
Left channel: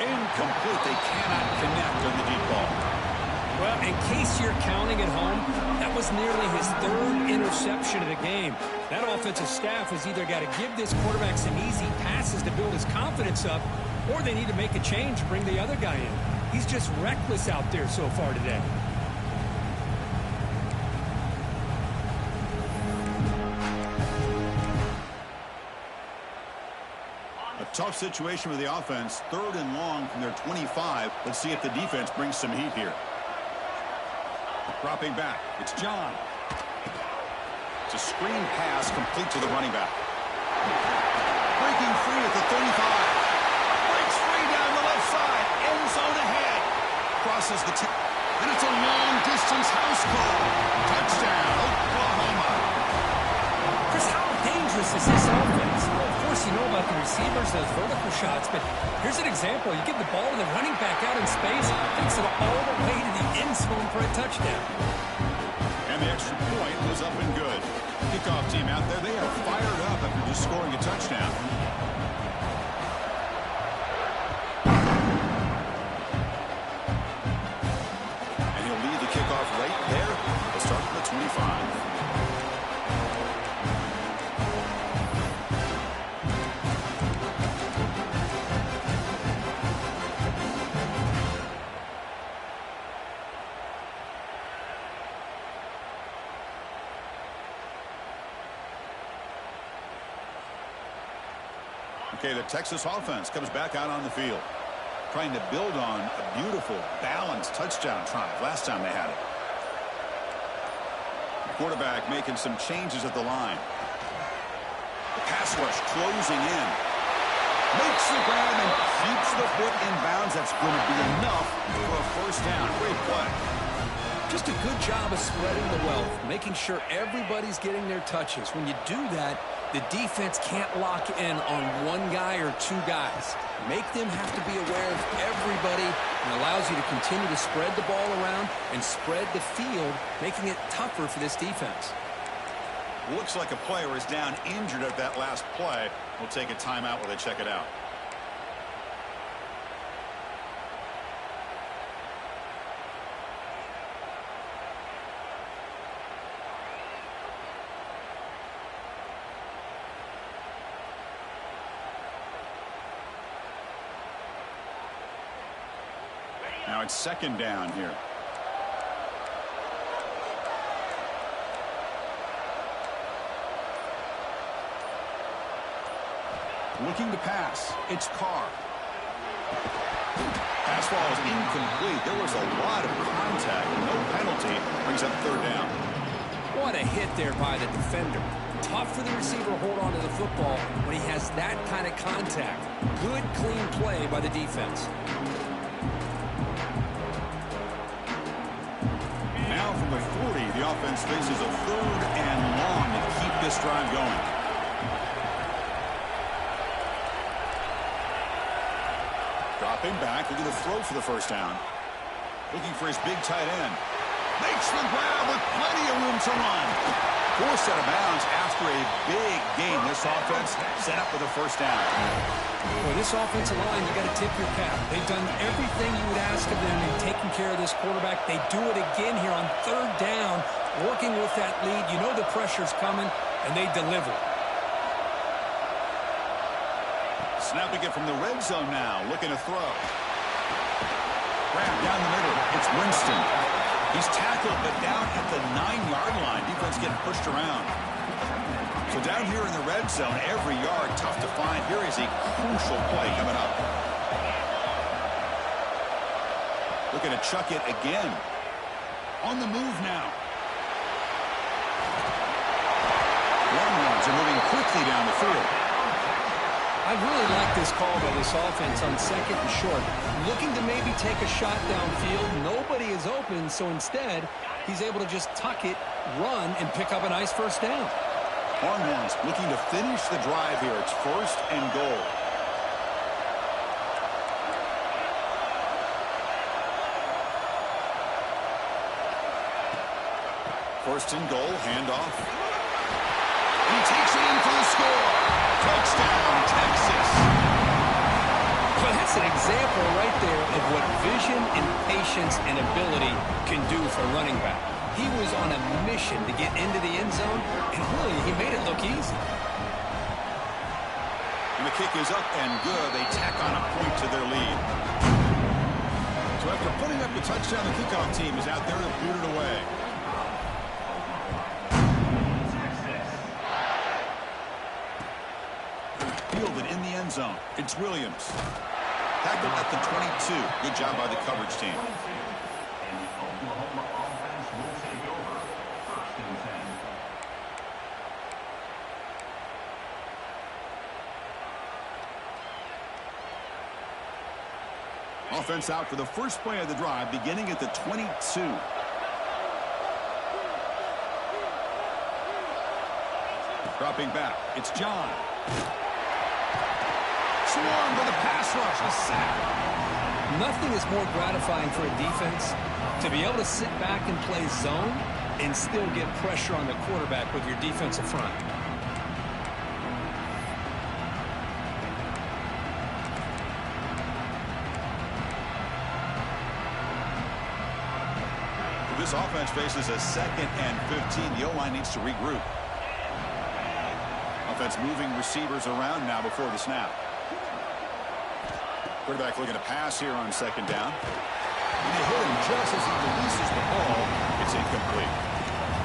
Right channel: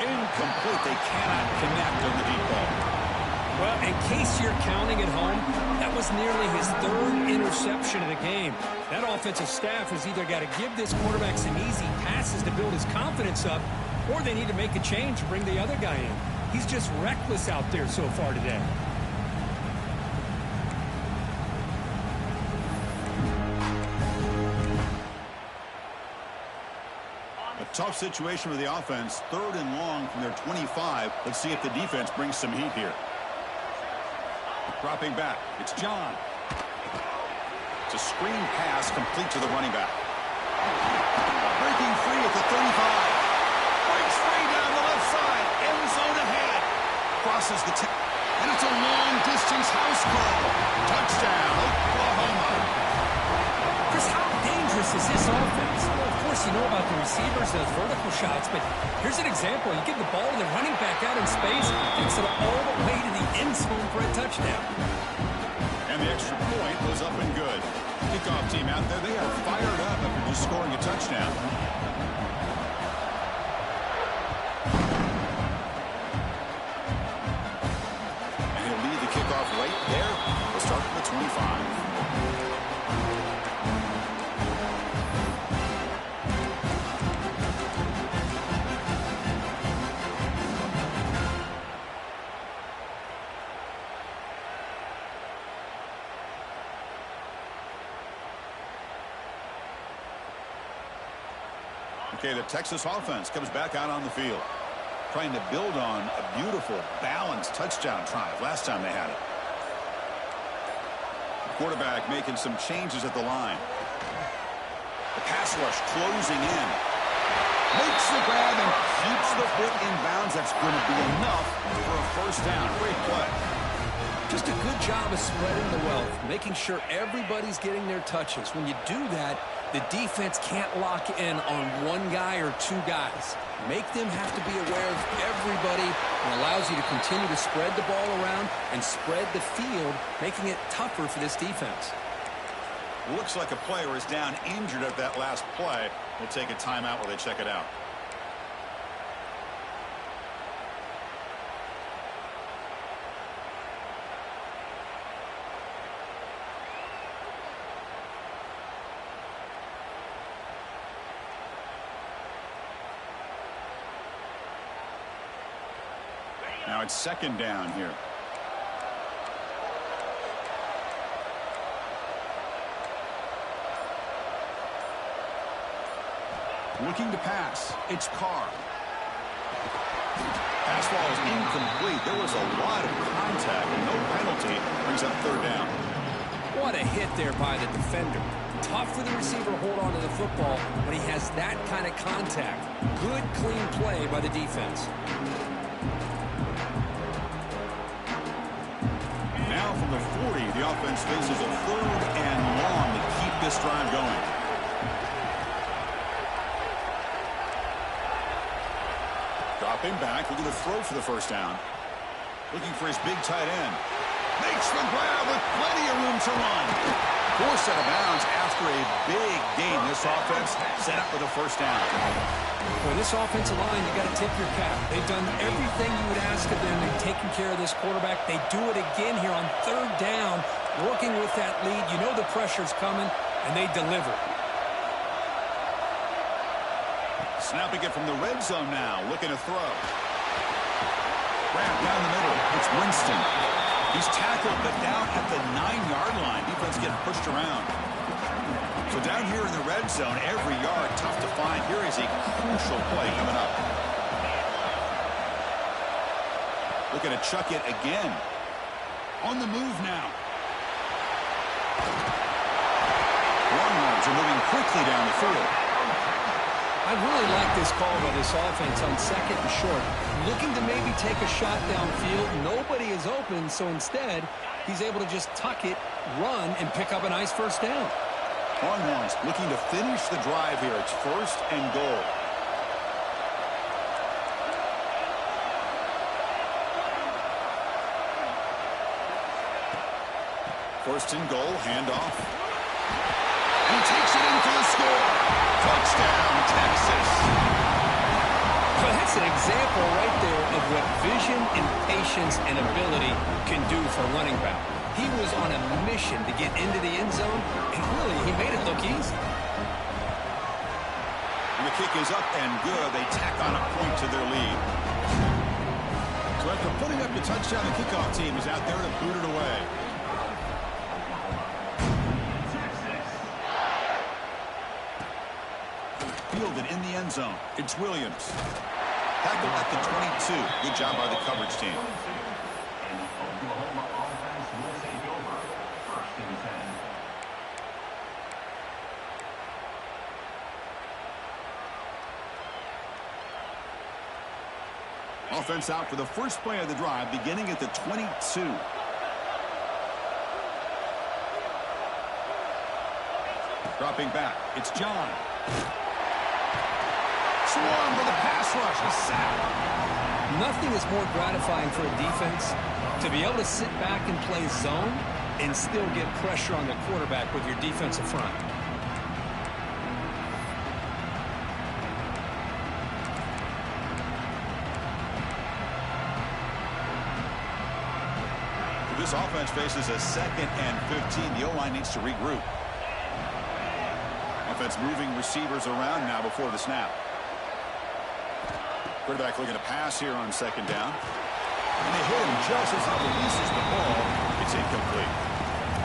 Incomplete. They cannot connect on the deep ball. Well, in case you're counting at home, that was nearly his 3rd interception of the game. That offensive staff has either got to give this quarterback some easy passes to build his confidence up, or they need to make a change to bring the other guy in. He's just reckless out there so far today. Tough situation with the offense. 3rd and long from their 25. Let's see if the defense brings some heat here. Dropping back. It's John. It's a screen pass complete to the running back. Breaking free at the 35. Breaks free down the left side. End zone ahead. Crosses the 10. And it's a long-distance house call. Touchdown, Oklahoma. Chris, how dangerous is this offense? Well, of course, you know about the receivers, those vertical shots, but here's an example. You get the ball and the running back out in space, takes it all the way to the end zone for a touchdown. And the extra point was up and good. Kickoff team out there, they are fired up after just scoring a touchdown. And he'll lead the kickoff right there. We'll start from the 25. Okay, the Texas offense comes back out on the field, trying to build on a beautiful, balanced touchdown drive last time they had it. The quarterback making some changes at the line. The pass rush closing in. Makes the grab and keeps the foot in bounds. That's going to be enough for a first down. Great play. Just a good job of spreading the wealth, making sure everybody's getting their touches. When you do that, the defense can't lock in on one guy or two guys. Make them have to be aware of everybody, and allows you to continue to spread the ball around and spread the field, making it tougher for this defense. Looks like a player is down injured at that last play. We'll take a timeout while they check it out. Now it's 2nd down here. Looking to pass. It's Carr. Pass ball is incomplete. There was a lot of contact. No penalty. Brings up 3rd down. What a hit there by the defender. Tough for the receiver to hold on to the football when he has that kind of contact. Good, clean play by the defense. Now from the 40, the offense faces a 3rd and long to keep this drive going. Dropping back, looking to throw for the first down. Looking for his big tight end. Makes the grab with plenty of room to run. Forced out of bounds after a big gain. This offense set up for the first down. For this offensive line, you got to tip your cap. They've done everything you would ask of them. They've taken care of this quarterback. They do it again here on 3rd down, working with that lead. You know the pressure's coming, and they deliver. Snapping it from the red zone now, looking to throw. Grab down the middle. It's Winston. He's tackled, but down at the 9-yard line. Defense getting pushed around. So down here in the red zone, every yard tough to find. Here is a crucial play coming up. Looking to chuck it again. On the move now. Longhorns are moving quickly down the field. I really like this call by this offense on 2nd and short. Looking to maybe take a shot downfield. Nobody is open, so instead, he's able to just tuck it, run, and pick up a nice first down. Longhorns looking to finish the drive here. It's 1st and goal. First and goal, handoff. And he takes it in for the score. Touchdown, Texas. Well, that's an example right there of what vision and patience and ability can do for a running back. He was on a mission to get into the end zone, and really, he made it look easy. And the kick is up and good. They tack on a point to their lead. So after putting up the touchdown, the kickoff team is out there to boot it away. Fielded in the end zone. It's Williams. Tackled at the 22. Good job by the coverage team. Offense out for the first play of the drive, beginning at the 22. Dropping back. It's John. Swarmed with a pass rush, a sack. Nothing is more gratifying for a defense to be able to sit back and play zone and still get pressure on the quarterback with your defensive front. This offense faces a 2nd and 15. The O-line needs to regroup. Offense moving receivers around now before the snap. Quarterback looking to pass here on 2nd down. And they hit him just as he releases the ball. It's incomplete.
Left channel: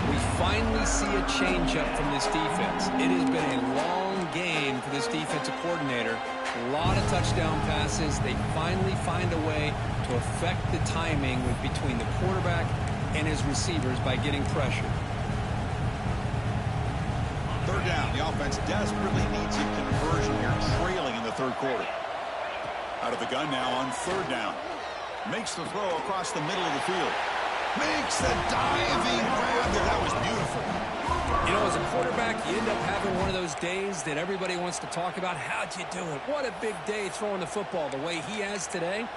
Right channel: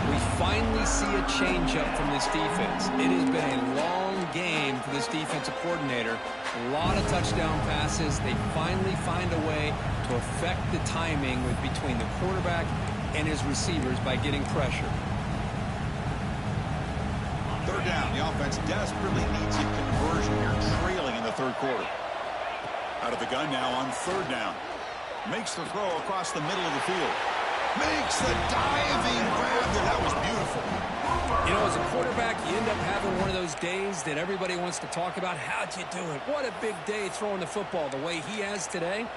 We finally see a changeup from this defense. It has been a long game for this defensive coordinator. A lot of touchdown passes. They finally find a way to affect the timing between the quarterback and his receivers by getting pressure. 3rd down. The offense desperately needs a conversion here, trailing in the 3rd quarter. Out of the gun now on 3rd down. Makes the throw across the middle of the field. Makes the diving grab there. That was beautiful. You know, as a quarterback, you end up having one of those days that everybody wants to talk about. How'd you do it? What a big day throwing the football the way he has today.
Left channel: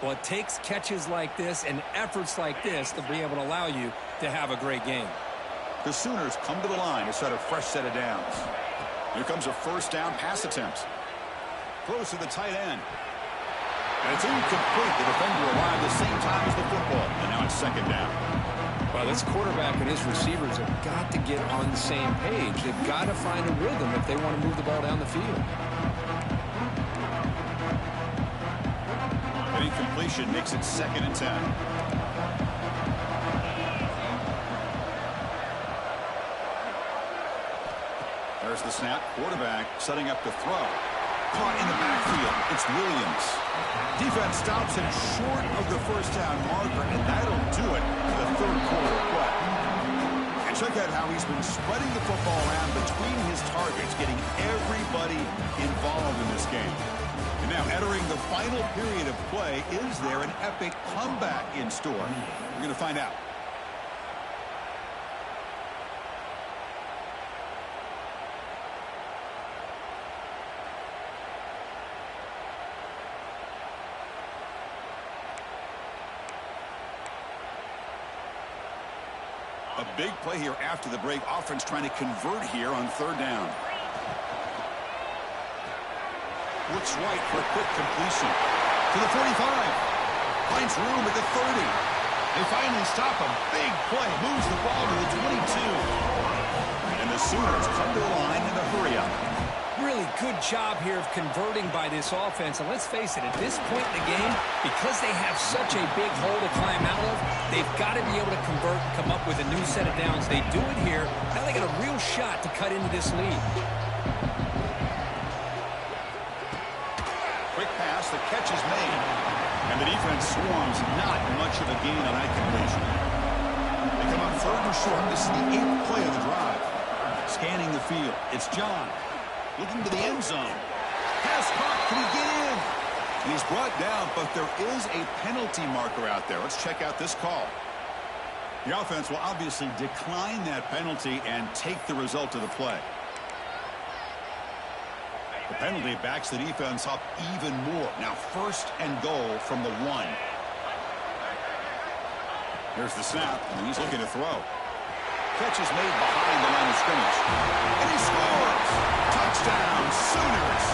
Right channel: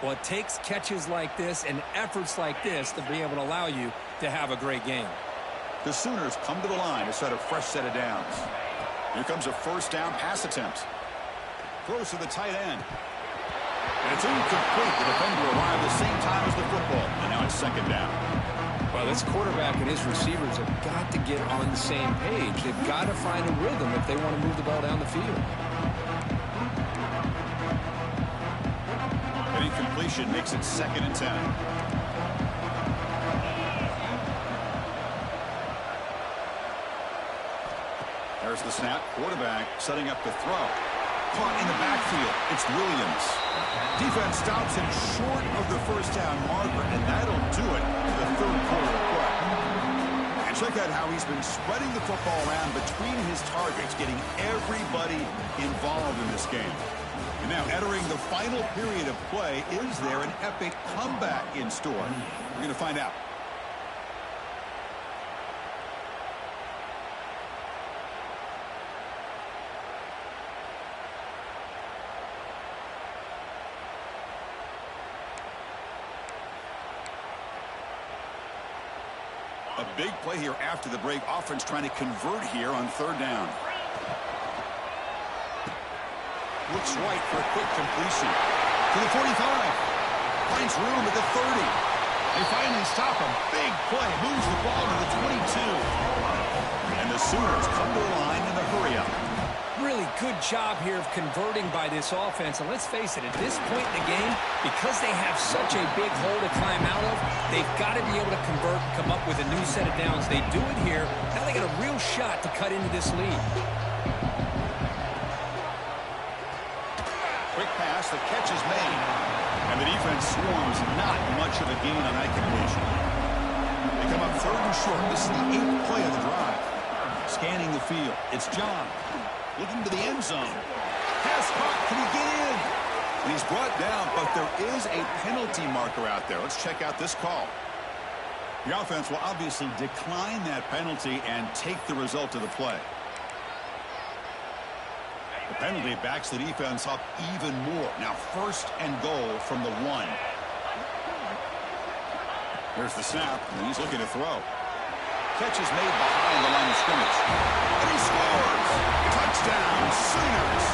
Well, it takes catches like this and efforts like this to be able to allow you to have a great game. The Sooners come to the line to set a fresh set of downs. Here comes a 1st down pass attempt. Close to the tight end. And it's incomplete. The defender arrived the same time as the football. And now it's 2nd down. Well, this quarterback and his receivers have got to get on the same page. They've got to find a rhythm if they want to move the ball down the field. An incompletion makes it 2nd and 10. There's the snap. Quarterback setting up the throw. Caught in the backfield. It's Williams. Defense stops him short of the 1st down marker, and that'll do it for the 3rd quarter of play. And check out how he's been spreading the football around between his targets, getting everybody involved in this game. And now entering the final period of play, is there an epic comeback in store? We're going to find out. A big play here after the break. Offense trying to convert here on 3rd down. Looks right for a quick completion. To the 45. Finds room at the 30. They finally stop him. Big play. Moves the ball to the 22. And the Sooners come to the line in a hurry up. Really good job here of converting by this offense. And let's face it, at this point in the game, because they have such a big hole to climb out of, they've got to be able to convert and come up with a new set of downs. They do it here. Now they got a real shot to cut into this lead. Quick pass, the catch is made. And the defense swarms, not much of a gain on that completion. They come up 3rd and short. This is the 8th play of the drive. Scanning the field. It's John. Looking to the end zone. Pass caught. Can he get in? And he's brought down, but there is a penalty marker out there. Let's check out this call. The offense will obviously decline that penalty and take the result of the play. The penalty backs the defense up even more. Now 1st and goal from the 1. Here's the snap, and he's looking to throw. Catch is made behind the line of scrimmage. And he scores! Touchdown, Sooners!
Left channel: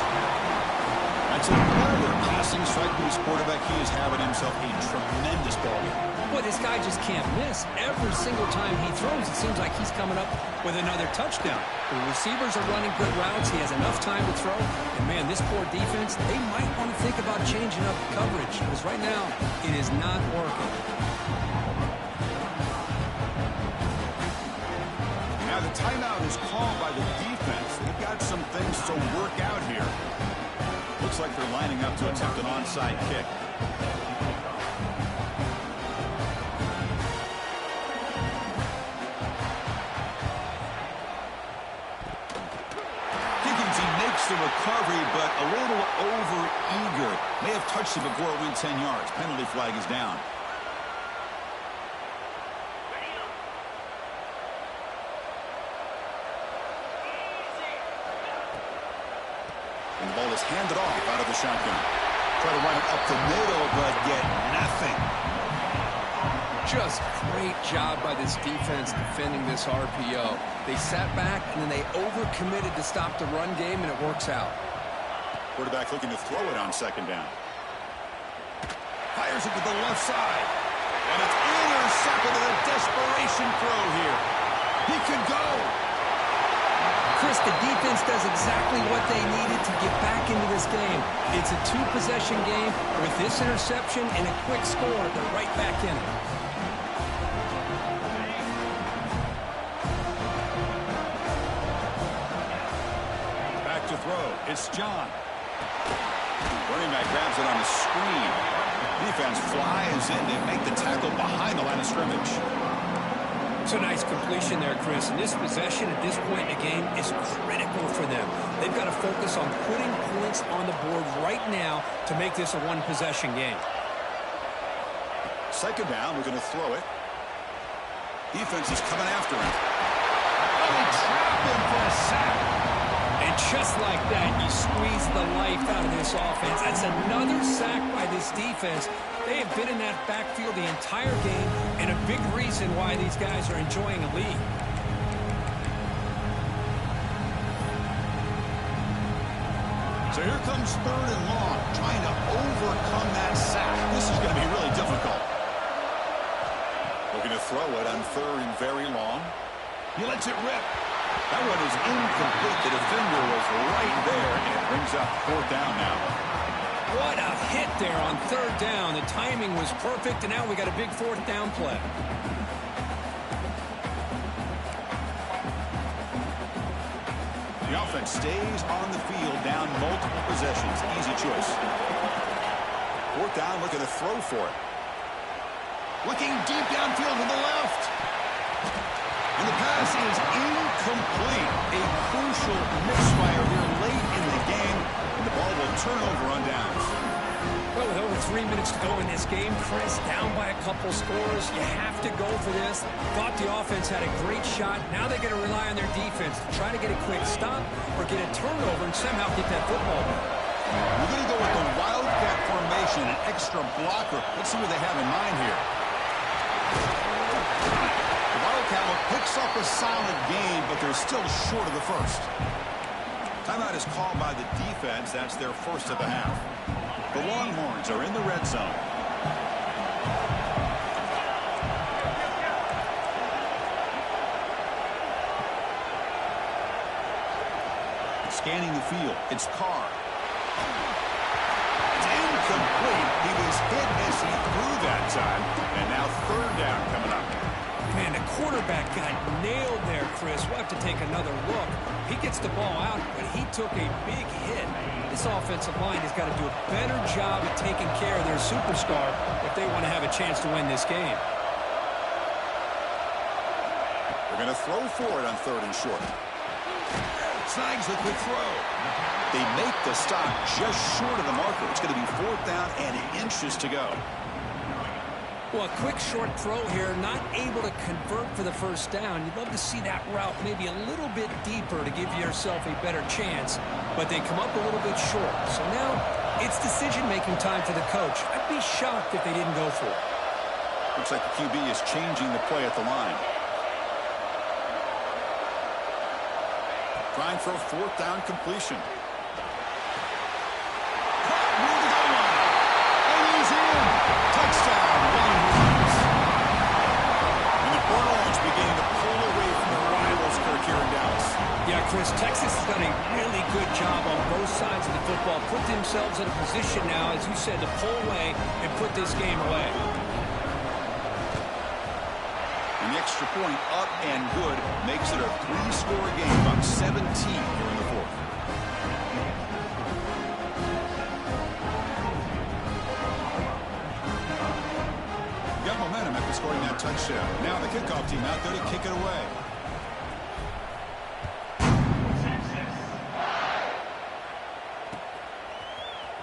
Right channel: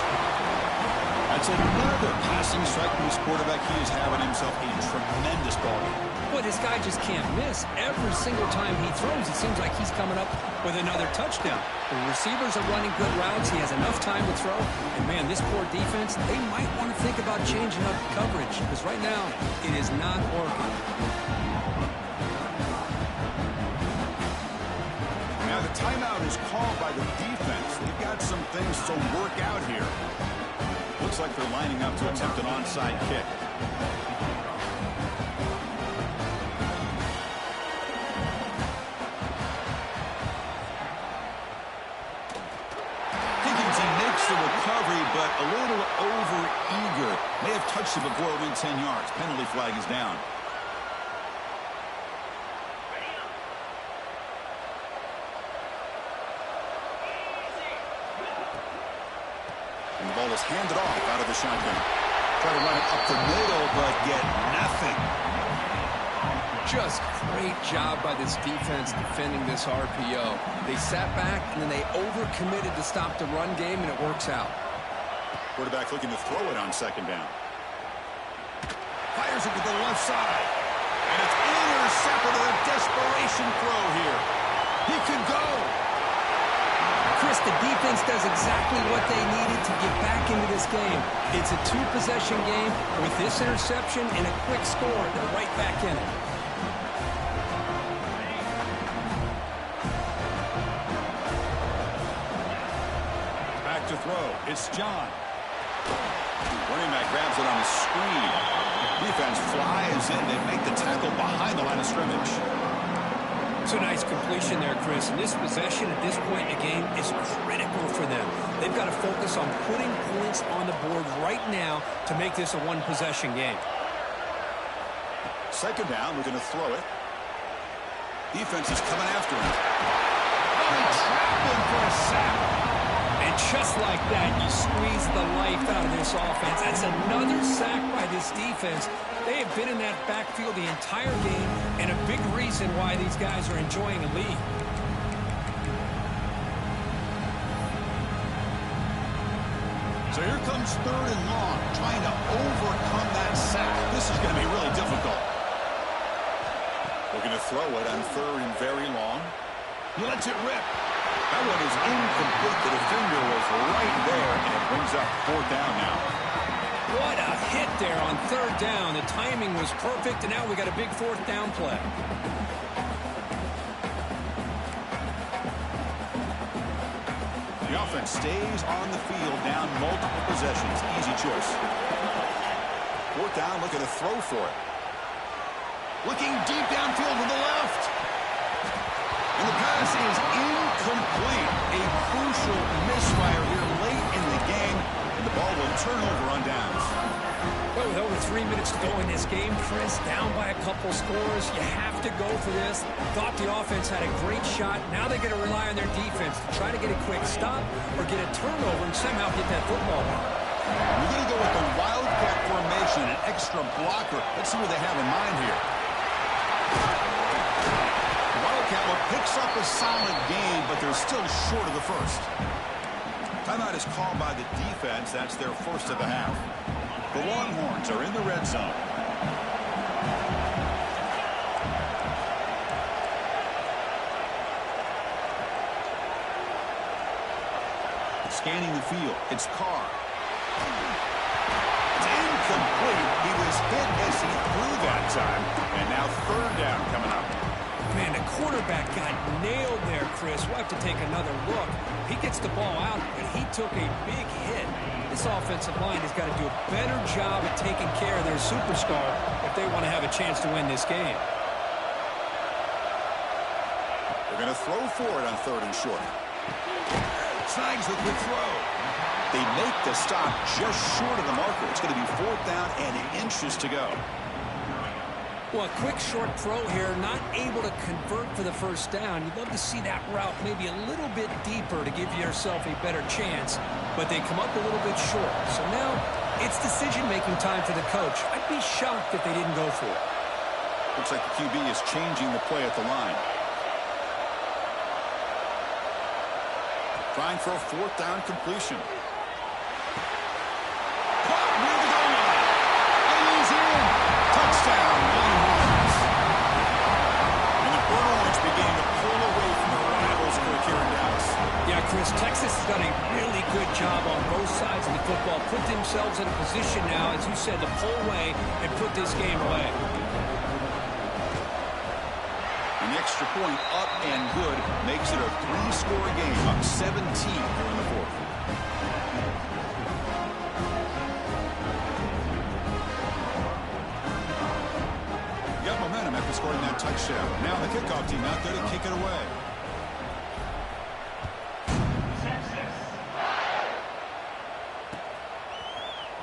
That's another passing strike from his quarterback. He is having himself a tremendous ballgame. Boy, this guy just can't miss. Every single time he throws, it seems like he's coming up with another touchdown. The receivers are running good routes. He has enough time to throw. And, man, this poor defense, they might want to think about changing up coverage because right now it is not working. Now the timeout is called by the defense. They've got some things to work out here. Looks like they're lining up to attempt an onside kick. Higgins, he makes the recovery, but a little over-eager. May have touched it before it went 10 yards. Penalty flag is down. And the ball is handed off out of the shotgun. Try to run it up the middle, but get nothing. Just great job by this defense defending this RPO. They sat back, and then they overcommitted to stop the run game, and it works out. Quarterback looking to throw it on 2nd down. Fires it to the left side. And it's intercepted in a desperation throw here. He could go. Chris, the defense does exactly what they needed to get back into this game. It's a 2-possession game. With this interception and a quick score, they're right back in it. Back to throw. It's John. Running back grabs it on the screen. Defense flies in. They make the tackle behind the line of scrimmage. It's a nice completion there, Chris. And this possession at this point in the game is critical for them. They've got to focus on putting points on the board right now to make this a 1-possession game. 2nd down, we're going to throw it. Defense is coming after him. Oh, they trap him for a sack. And just like that, you squeeze the life out of this offense. That's another sack by this defense. They have been in that backfield the entire game, and a big reason why these guys are enjoying a lead. So here comes 3rd and long, trying to overcome that sack. This is going to be really difficult. Looking to throw it on 3rd and very long. He lets it rip. That one is incomplete. The defender was right there, and it brings up 4th down now. What a hit there on 3rd down. The timing was perfect, and now we got a big 4th down play. The offense stays on the field, down multiple possessions. Easy choice. 4th down, looking to throw for it. Looking deep downfield to the left. And the pass is incomplete. A crucial misfire here late in the game, and the ball will turn over on downs. Well, with over 3 minutes to go in this game, Chris, down by a couple scores, you have to go for this. Thought the offense had a great shot. Now they're going to rely on their defense to try to get a quick stop or get a turnover and somehow get that football back. We're going to go with the wildcat formation, an extra blocker. Let's see what they have in mind here. The Wildcat look picks up a solid gain, but they're still short of the first. Timeout is called by the defense. That's their first of the half. The Longhorns are in the red zone. Scanning the field. It's Carr. It's incomplete. He was hit as he threw that time. And now 3rd down coming up. Man, the quarterback got nailed there, Chris. We'll have to take another look. He gets the ball out, but he took a big hit. This offensive line has got to do a better job at taking care of their superstar if they want to have a chance to win this game. They're going to throw for it on 3rd and short. Snags the quick throw. They make the stop just short of the marker. It's going to be 4th down and inches to go. Well, a quick short throw here, not able to convert for the 1st down. You'd love to see that route maybe a little bit deeper to give yourself a better chance, but they come up a little bit short. So now it's decision-making time for the coach. I'd be shocked if they didn't go for it. Looks like the QB is changing the play at the line. Trying for a 4th down completion. Caught near the goal line. And he's in. Touchdown, Longhorns. And the Burnt Orange beginning to pull away from their rivals, Kirk, here in Dallas. Yeah, Chris, Texas has done a really good job on both sides of the football. Put themselves in a position now, as you said, to pull away and put this game away. And the extra point up and good makes it a 3-score game, up 17 here in the 4th. Got momentum after scoring that touchdown. Now the kickoff team out there to kick it away.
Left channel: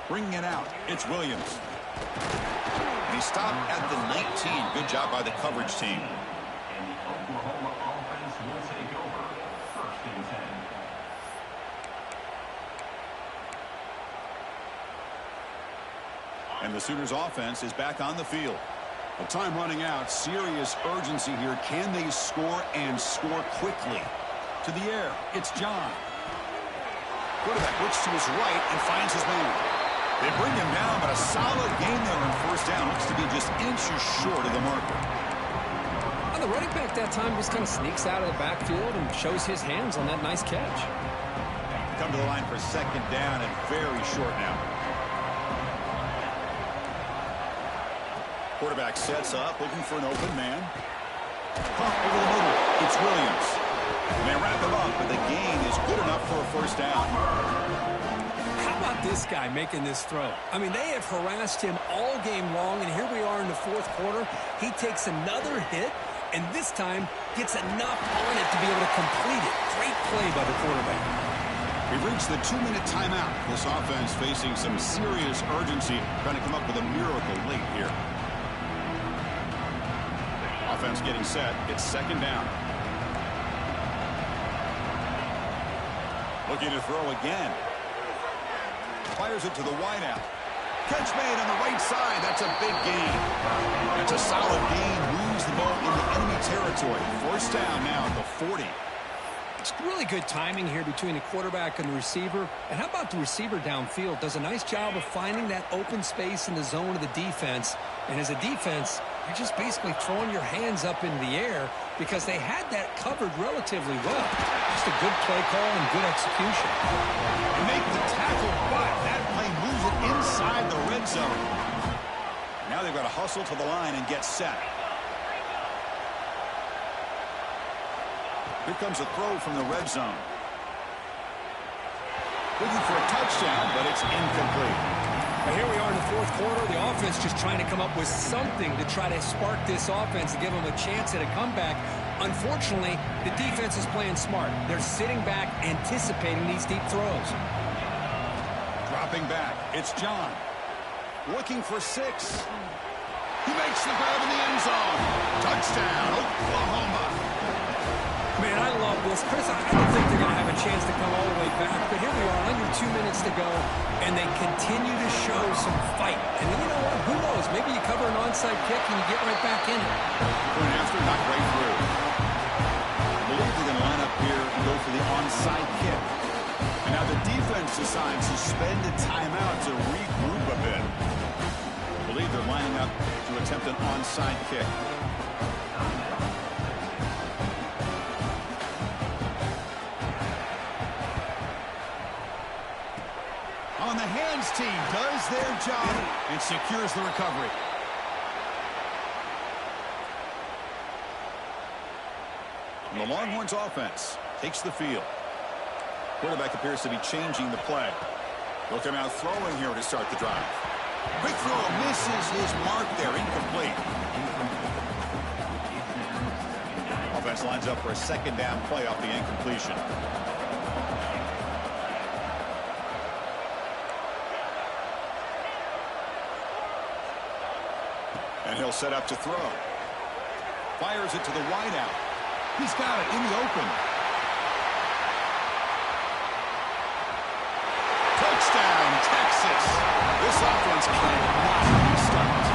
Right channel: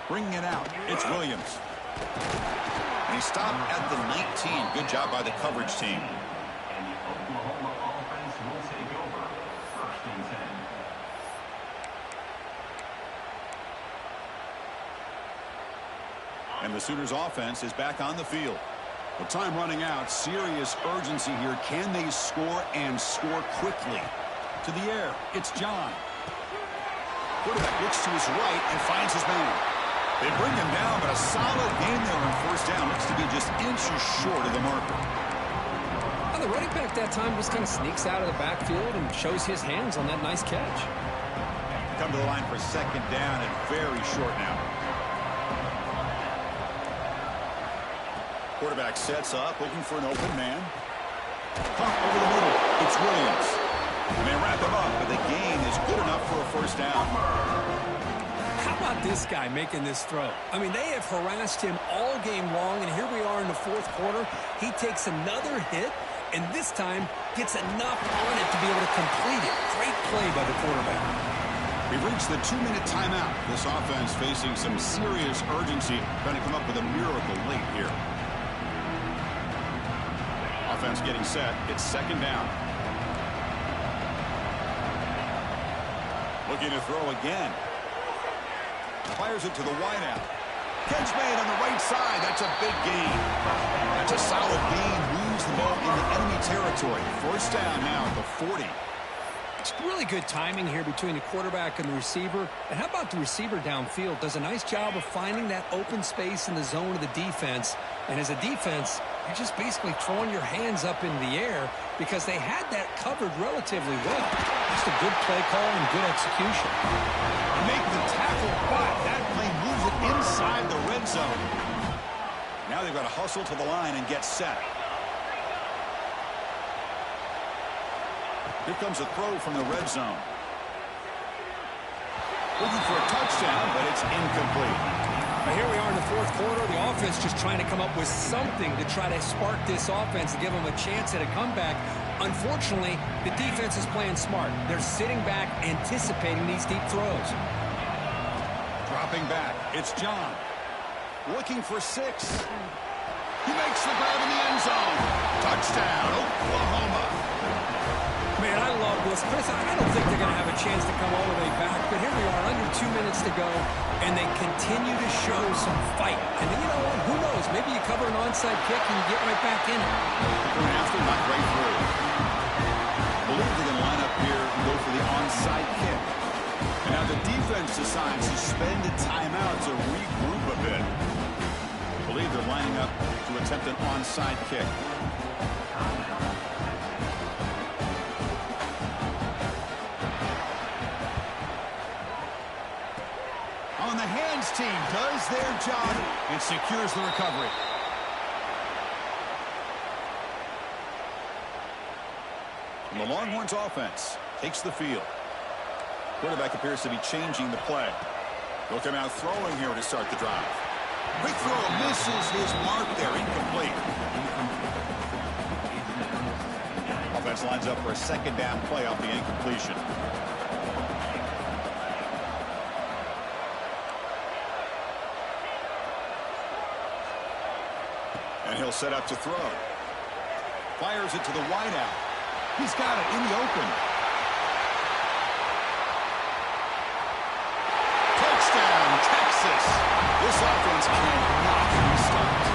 Bringing it out, it's Williams. And he stopped at the 19. Good job by the coverage team. And the Oklahoma offense will take over 1st and 10. And the Sooners offense is back on the field. Well, time running out. Serious urgency here. Can they score and score quickly? To the air, it's John. Quarterback looks to his right and finds his man. They bring him down, but a solid game there on 1st down. Looks to be just inches short of the marker. Well, the running back that time just kind of sneaks out of the backfield and shows his hands on that nice catch. Come to the line for 2nd down and very short now. Quarterback sets up, looking for an open man. Pump over the middle. It's Williams. And they wrap him up, but the gain is good enough for a 1st down. How about this guy making this throw? I mean, they have harassed him all game long, and here we are in the 4th quarter. He takes another hit, and this time gets enough on it to be able to complete it. Great play by the quarterback. We've reached the 2-minute timeout. This offense facing some serious urgency, trying to come up with a miracle late here. Offense getting set. It's 2nd down. Looking to throw again. Fires it to the wideout. Catch made on the right side. That's a big gain. That's a solid gain. Moves the ball into enemy territory. 1st down now at the 40. It's really good timing here between the quarterback and the receiver. And how about the receiver downfield? Does a nice job of finding that open space in the zone of the defense. And as a defense, you're just basically throwing your hands up in the air because they had that covered relatively well. Just a good play call and good execution. And make the tackle, but that play moves it inside the red zone. Now they've got to hustle to the line and get set. Here comes a throw from the red zone. Looking for a touchdown, but it's incomplete. But here we are in the 4th quarter. The offense just trying to come up with something to try to spark this offense and give them a chance at a comeback. Unfortunately, the defense is playing smart. They're sitting back, anticipating these deep throws. Dropping back, it's John. Looking for 6. He makes the grab in the end zone. Touchdown, Oklahoma. Man, I love this. Chris, I don't think they're going to have a chance to come all the way back, but here we are, under 2 minutes to go, and they continue to show some fight. And then you know what? Who knows? Maybe you cover an onside kick and you get right back in it. Going after, not right through. I believe they're going to line up here and go for the onside kick. And now the defense decides to spend a timeout to regroup a bit. I believe they're lining up to attempt an onside kick. On the hands team does their job and secures the recovery. And the Longhorns offense takes the field. Quarterback appears to be changing the play. They'll come out throwing here to start the drive. Quick throw misses his mark there, incomplete. Offense defense lines up for a second down play off the incompletion. And he'll set up to throw. Fires it to the wideout. He's got it in the open. Touchdown, Texas. This offense cannot be stopped.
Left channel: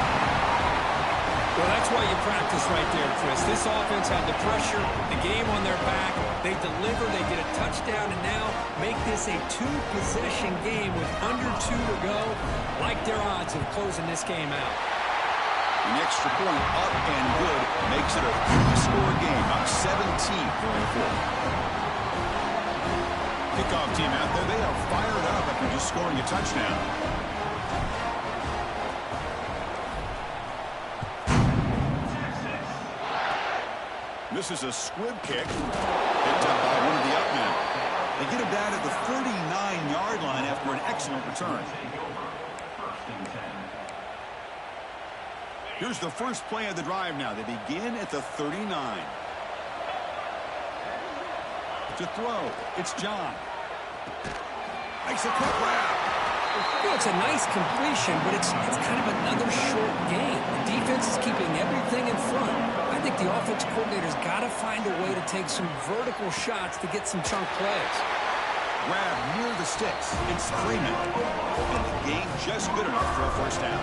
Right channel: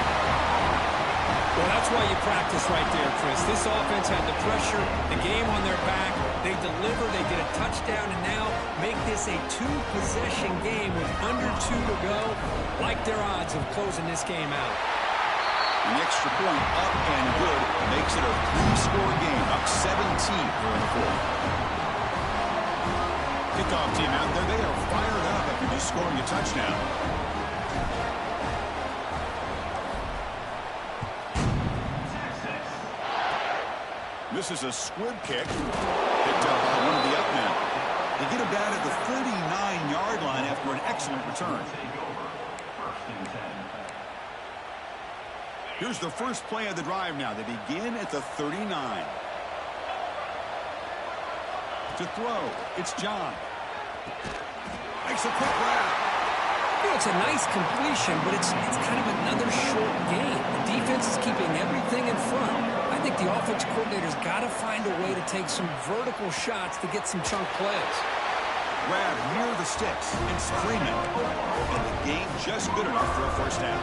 Well, that's why you practice right there, Chris. This offense had the pressure, the game on their back. They deliver, they get a touchdown, and now make this a two-possession game with under 2 to go. Like their odds of closing this game out. An extra point up and good makes it a 3-score game, up 17 here in the fourth. Kickoff team out there, they are fired up after just scoring a touchdown. This is a squib kick, picked up by one of the up men. They get him down at the 39-yard line after an excellent return. Here's the first play of the drive now. They begin at the 39. To throw, it's John. Makes a quick grab. You know, it's a nice completion, but it's kind of another short game. The defense is keeping everything in front. I think the offense coordinator's got to find a way to take some vertical shots to get some chunk plays. Grab near the sticks. It's Freeman. And the game just good enough for a first down.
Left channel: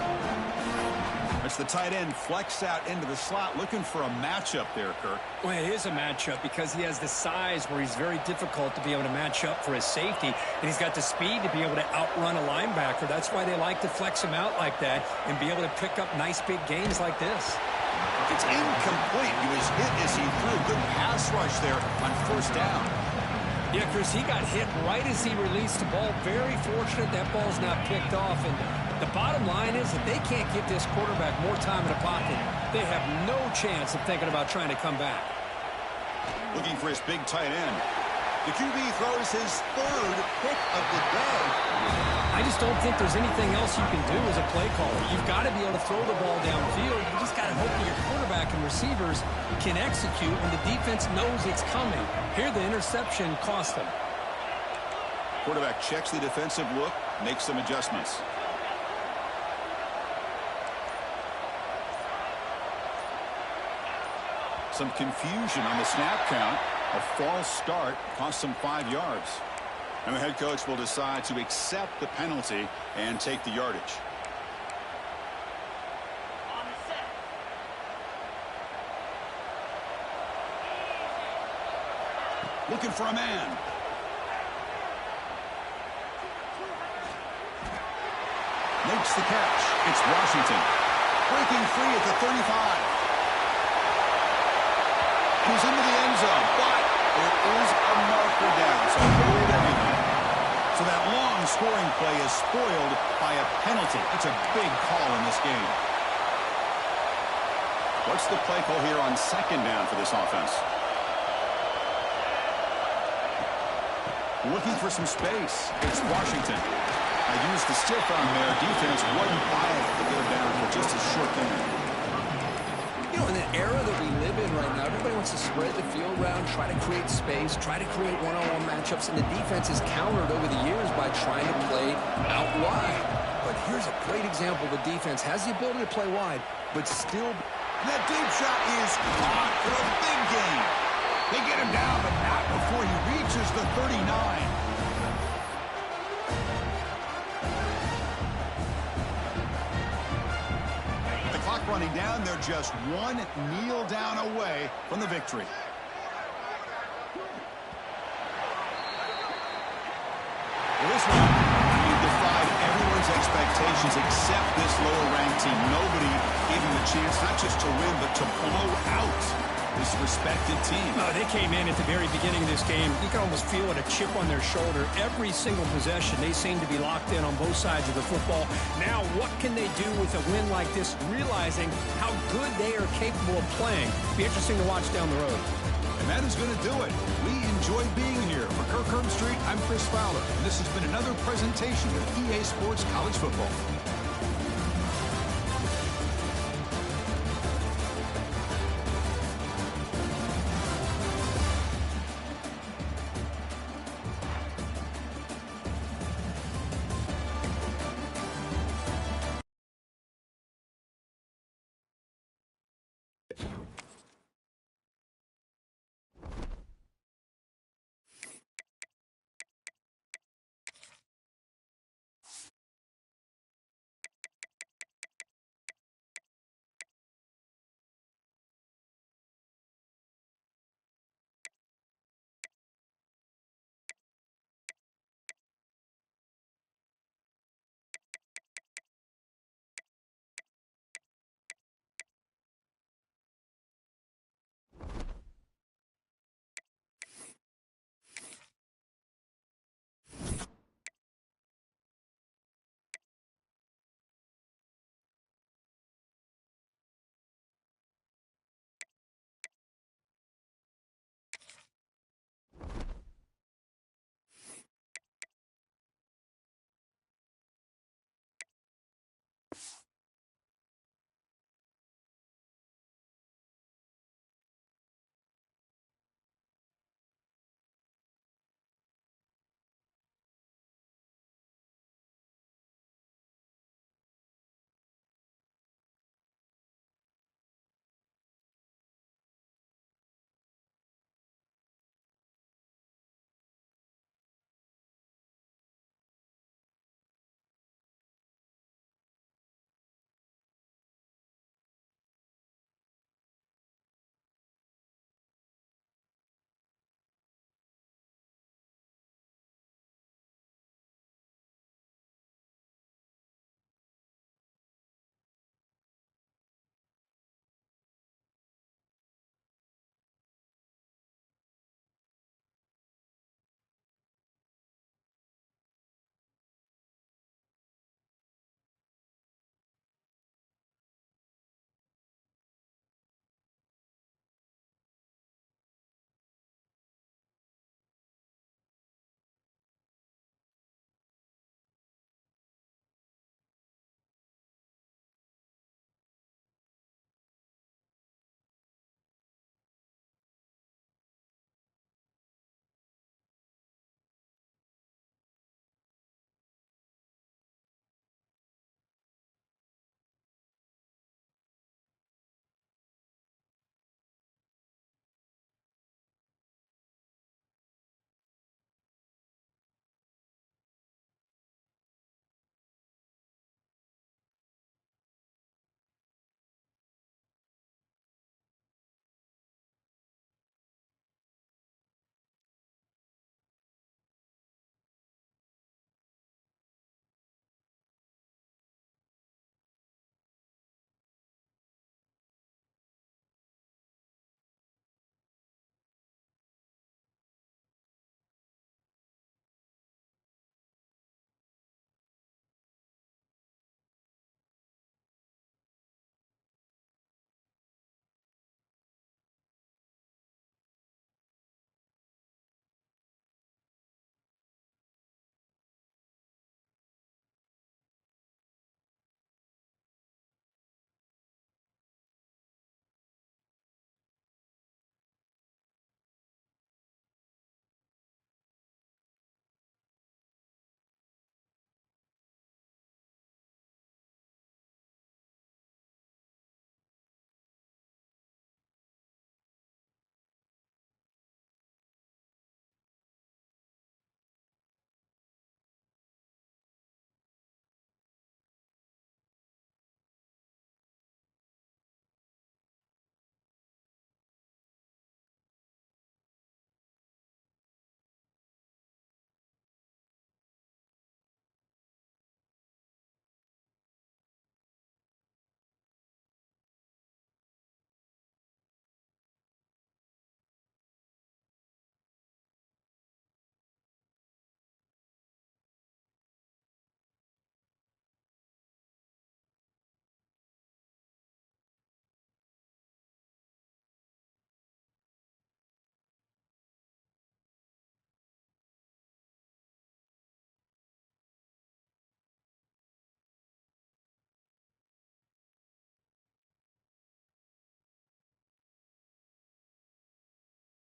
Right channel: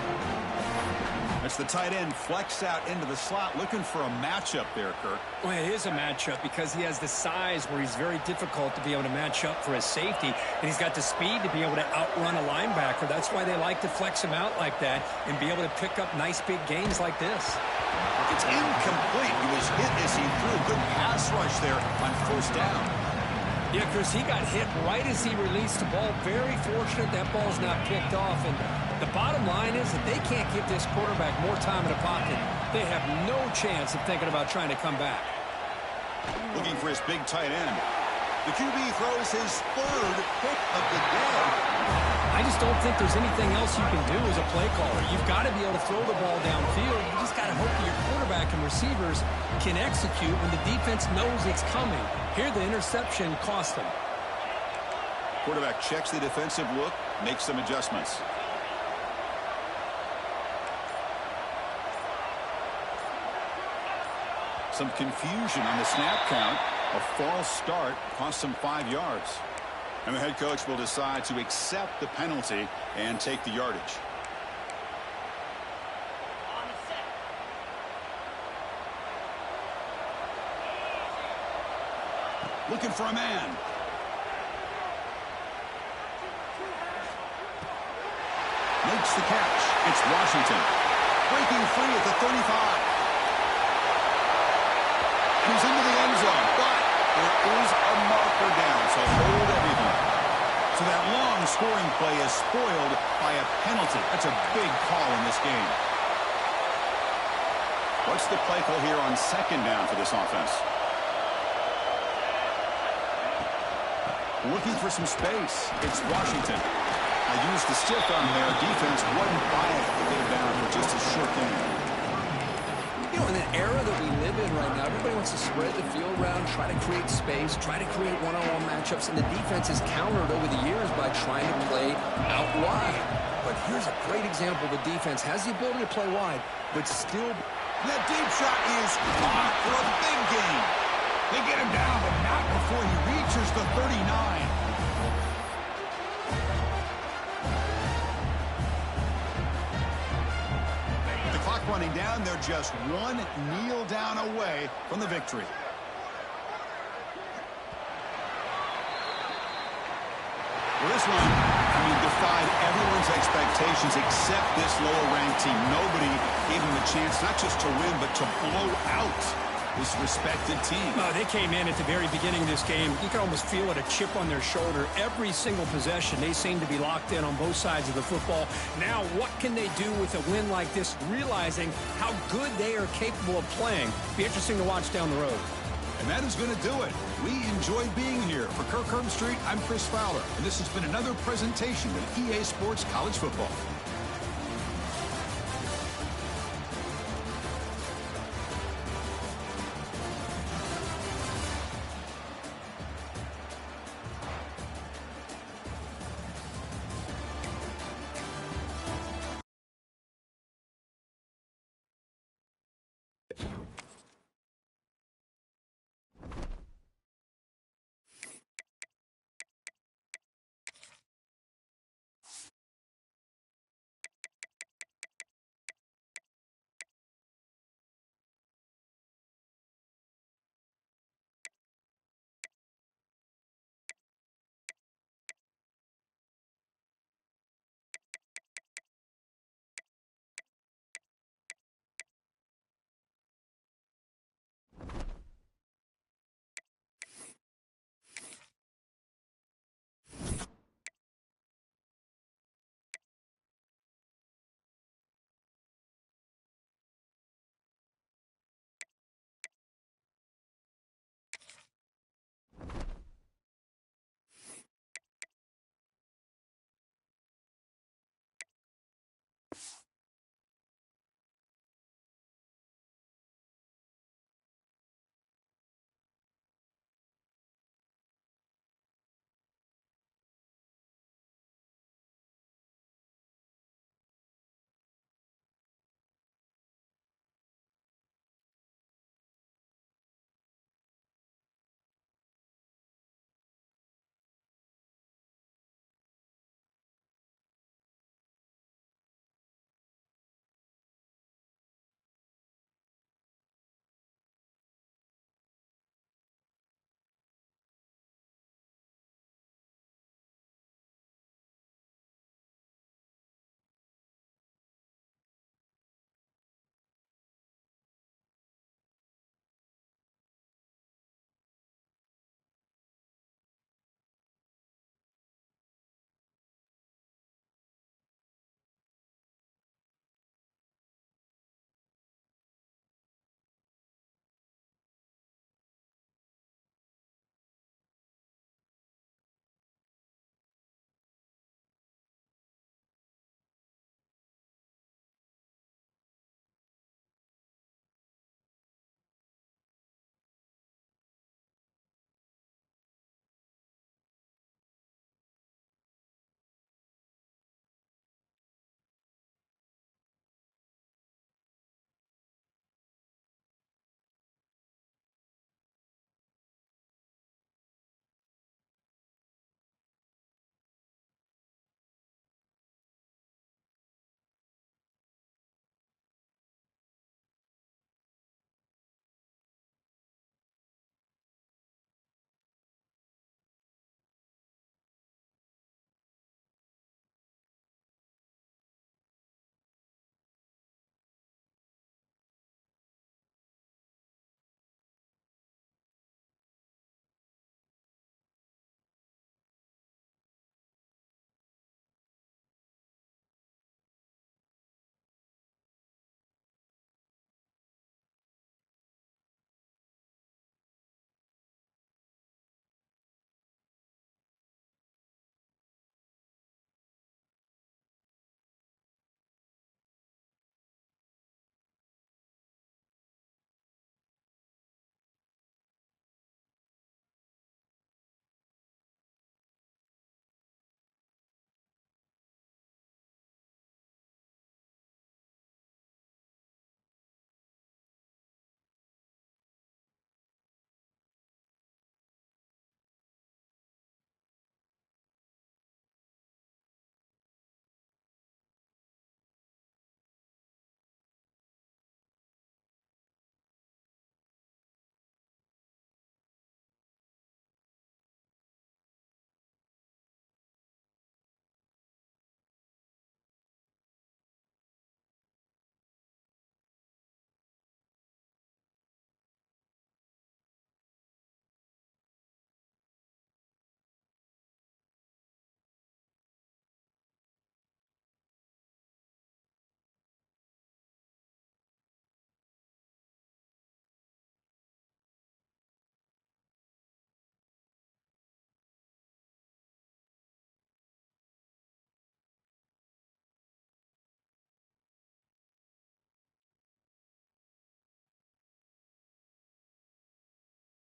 That's the tight end flexed out into the slot, looking for a matchup there, Kirk. Well, it is a matchup because he has the size where he's very difficult to be able to match up for his safety, and he's got the speed to be able to outrun a linebacker. That's why they like to flex him out like that and be able to pick up nice big gains like this. It's incomplete. He was hit as he threw. Good pass rush there on first down. Yeah, Chris, he got hit right as he released the ball. Very fortunate that ball's not picked off. And the bottom line is that they can't give this quarterback more time in the pocket. They have no chance of thinking about trying to come back. Looking for his big tight end. The QB throws his third pick of the day. I just don't think there's anything else you can do as a play caller. You've got to be able to throw the ball downfield. You just got to hope that your quarterback and receivers can execute when the defense knows it's coming. Here, the interception cost them. Quarterback checks the defensive look, makes some adjustments. Some confusion on the snap count. A false start cost them 5 yards. And the head coach will decide to accept the penalty and take the yardage. Looking for a man. Makes the catch. It's Washington. Breaking free at the 35. And he's into the end zone, but there is a marker down, so hold everything. So that long scoring play is spoiled by a penalty. That's a big call in this game. What's the play call here on second down for this offense? Looking for some space. It's Washington. I used the stiff arm there. Defense wasn't buying it to get him down for just a short game. You know, in the era that we live in right now, everybody wants to spread the field around, try to create space, try to create one-on-one matchups, and the defense is countered over the years by trying to play out wide. But here's a great example. The defense has the ability to play wide, but still... That deep shot is caught for a big gain. They get him down, but not before he reaches the 39. With the clock running down, they're just one kneel down away from the victory. Well, this one, defied everyone's expectations except this lower-ranked team. Nobody gave them a chance not just to win, but to blow out this respected team. No, they came in at the very beginning of this game. You can almost feel it, a chip on their shoulder. Every single possession, they seem to be locked in on both sides of the football. Now, what can they do with a win like this, realizing how good they are capable of playing? Be interesting to watch down the road. And that is going to do it. We enjoyed being here. For Kirk Herbstreit, I'm Chris Fowler, and this has been another presentation of EA Sports College Football.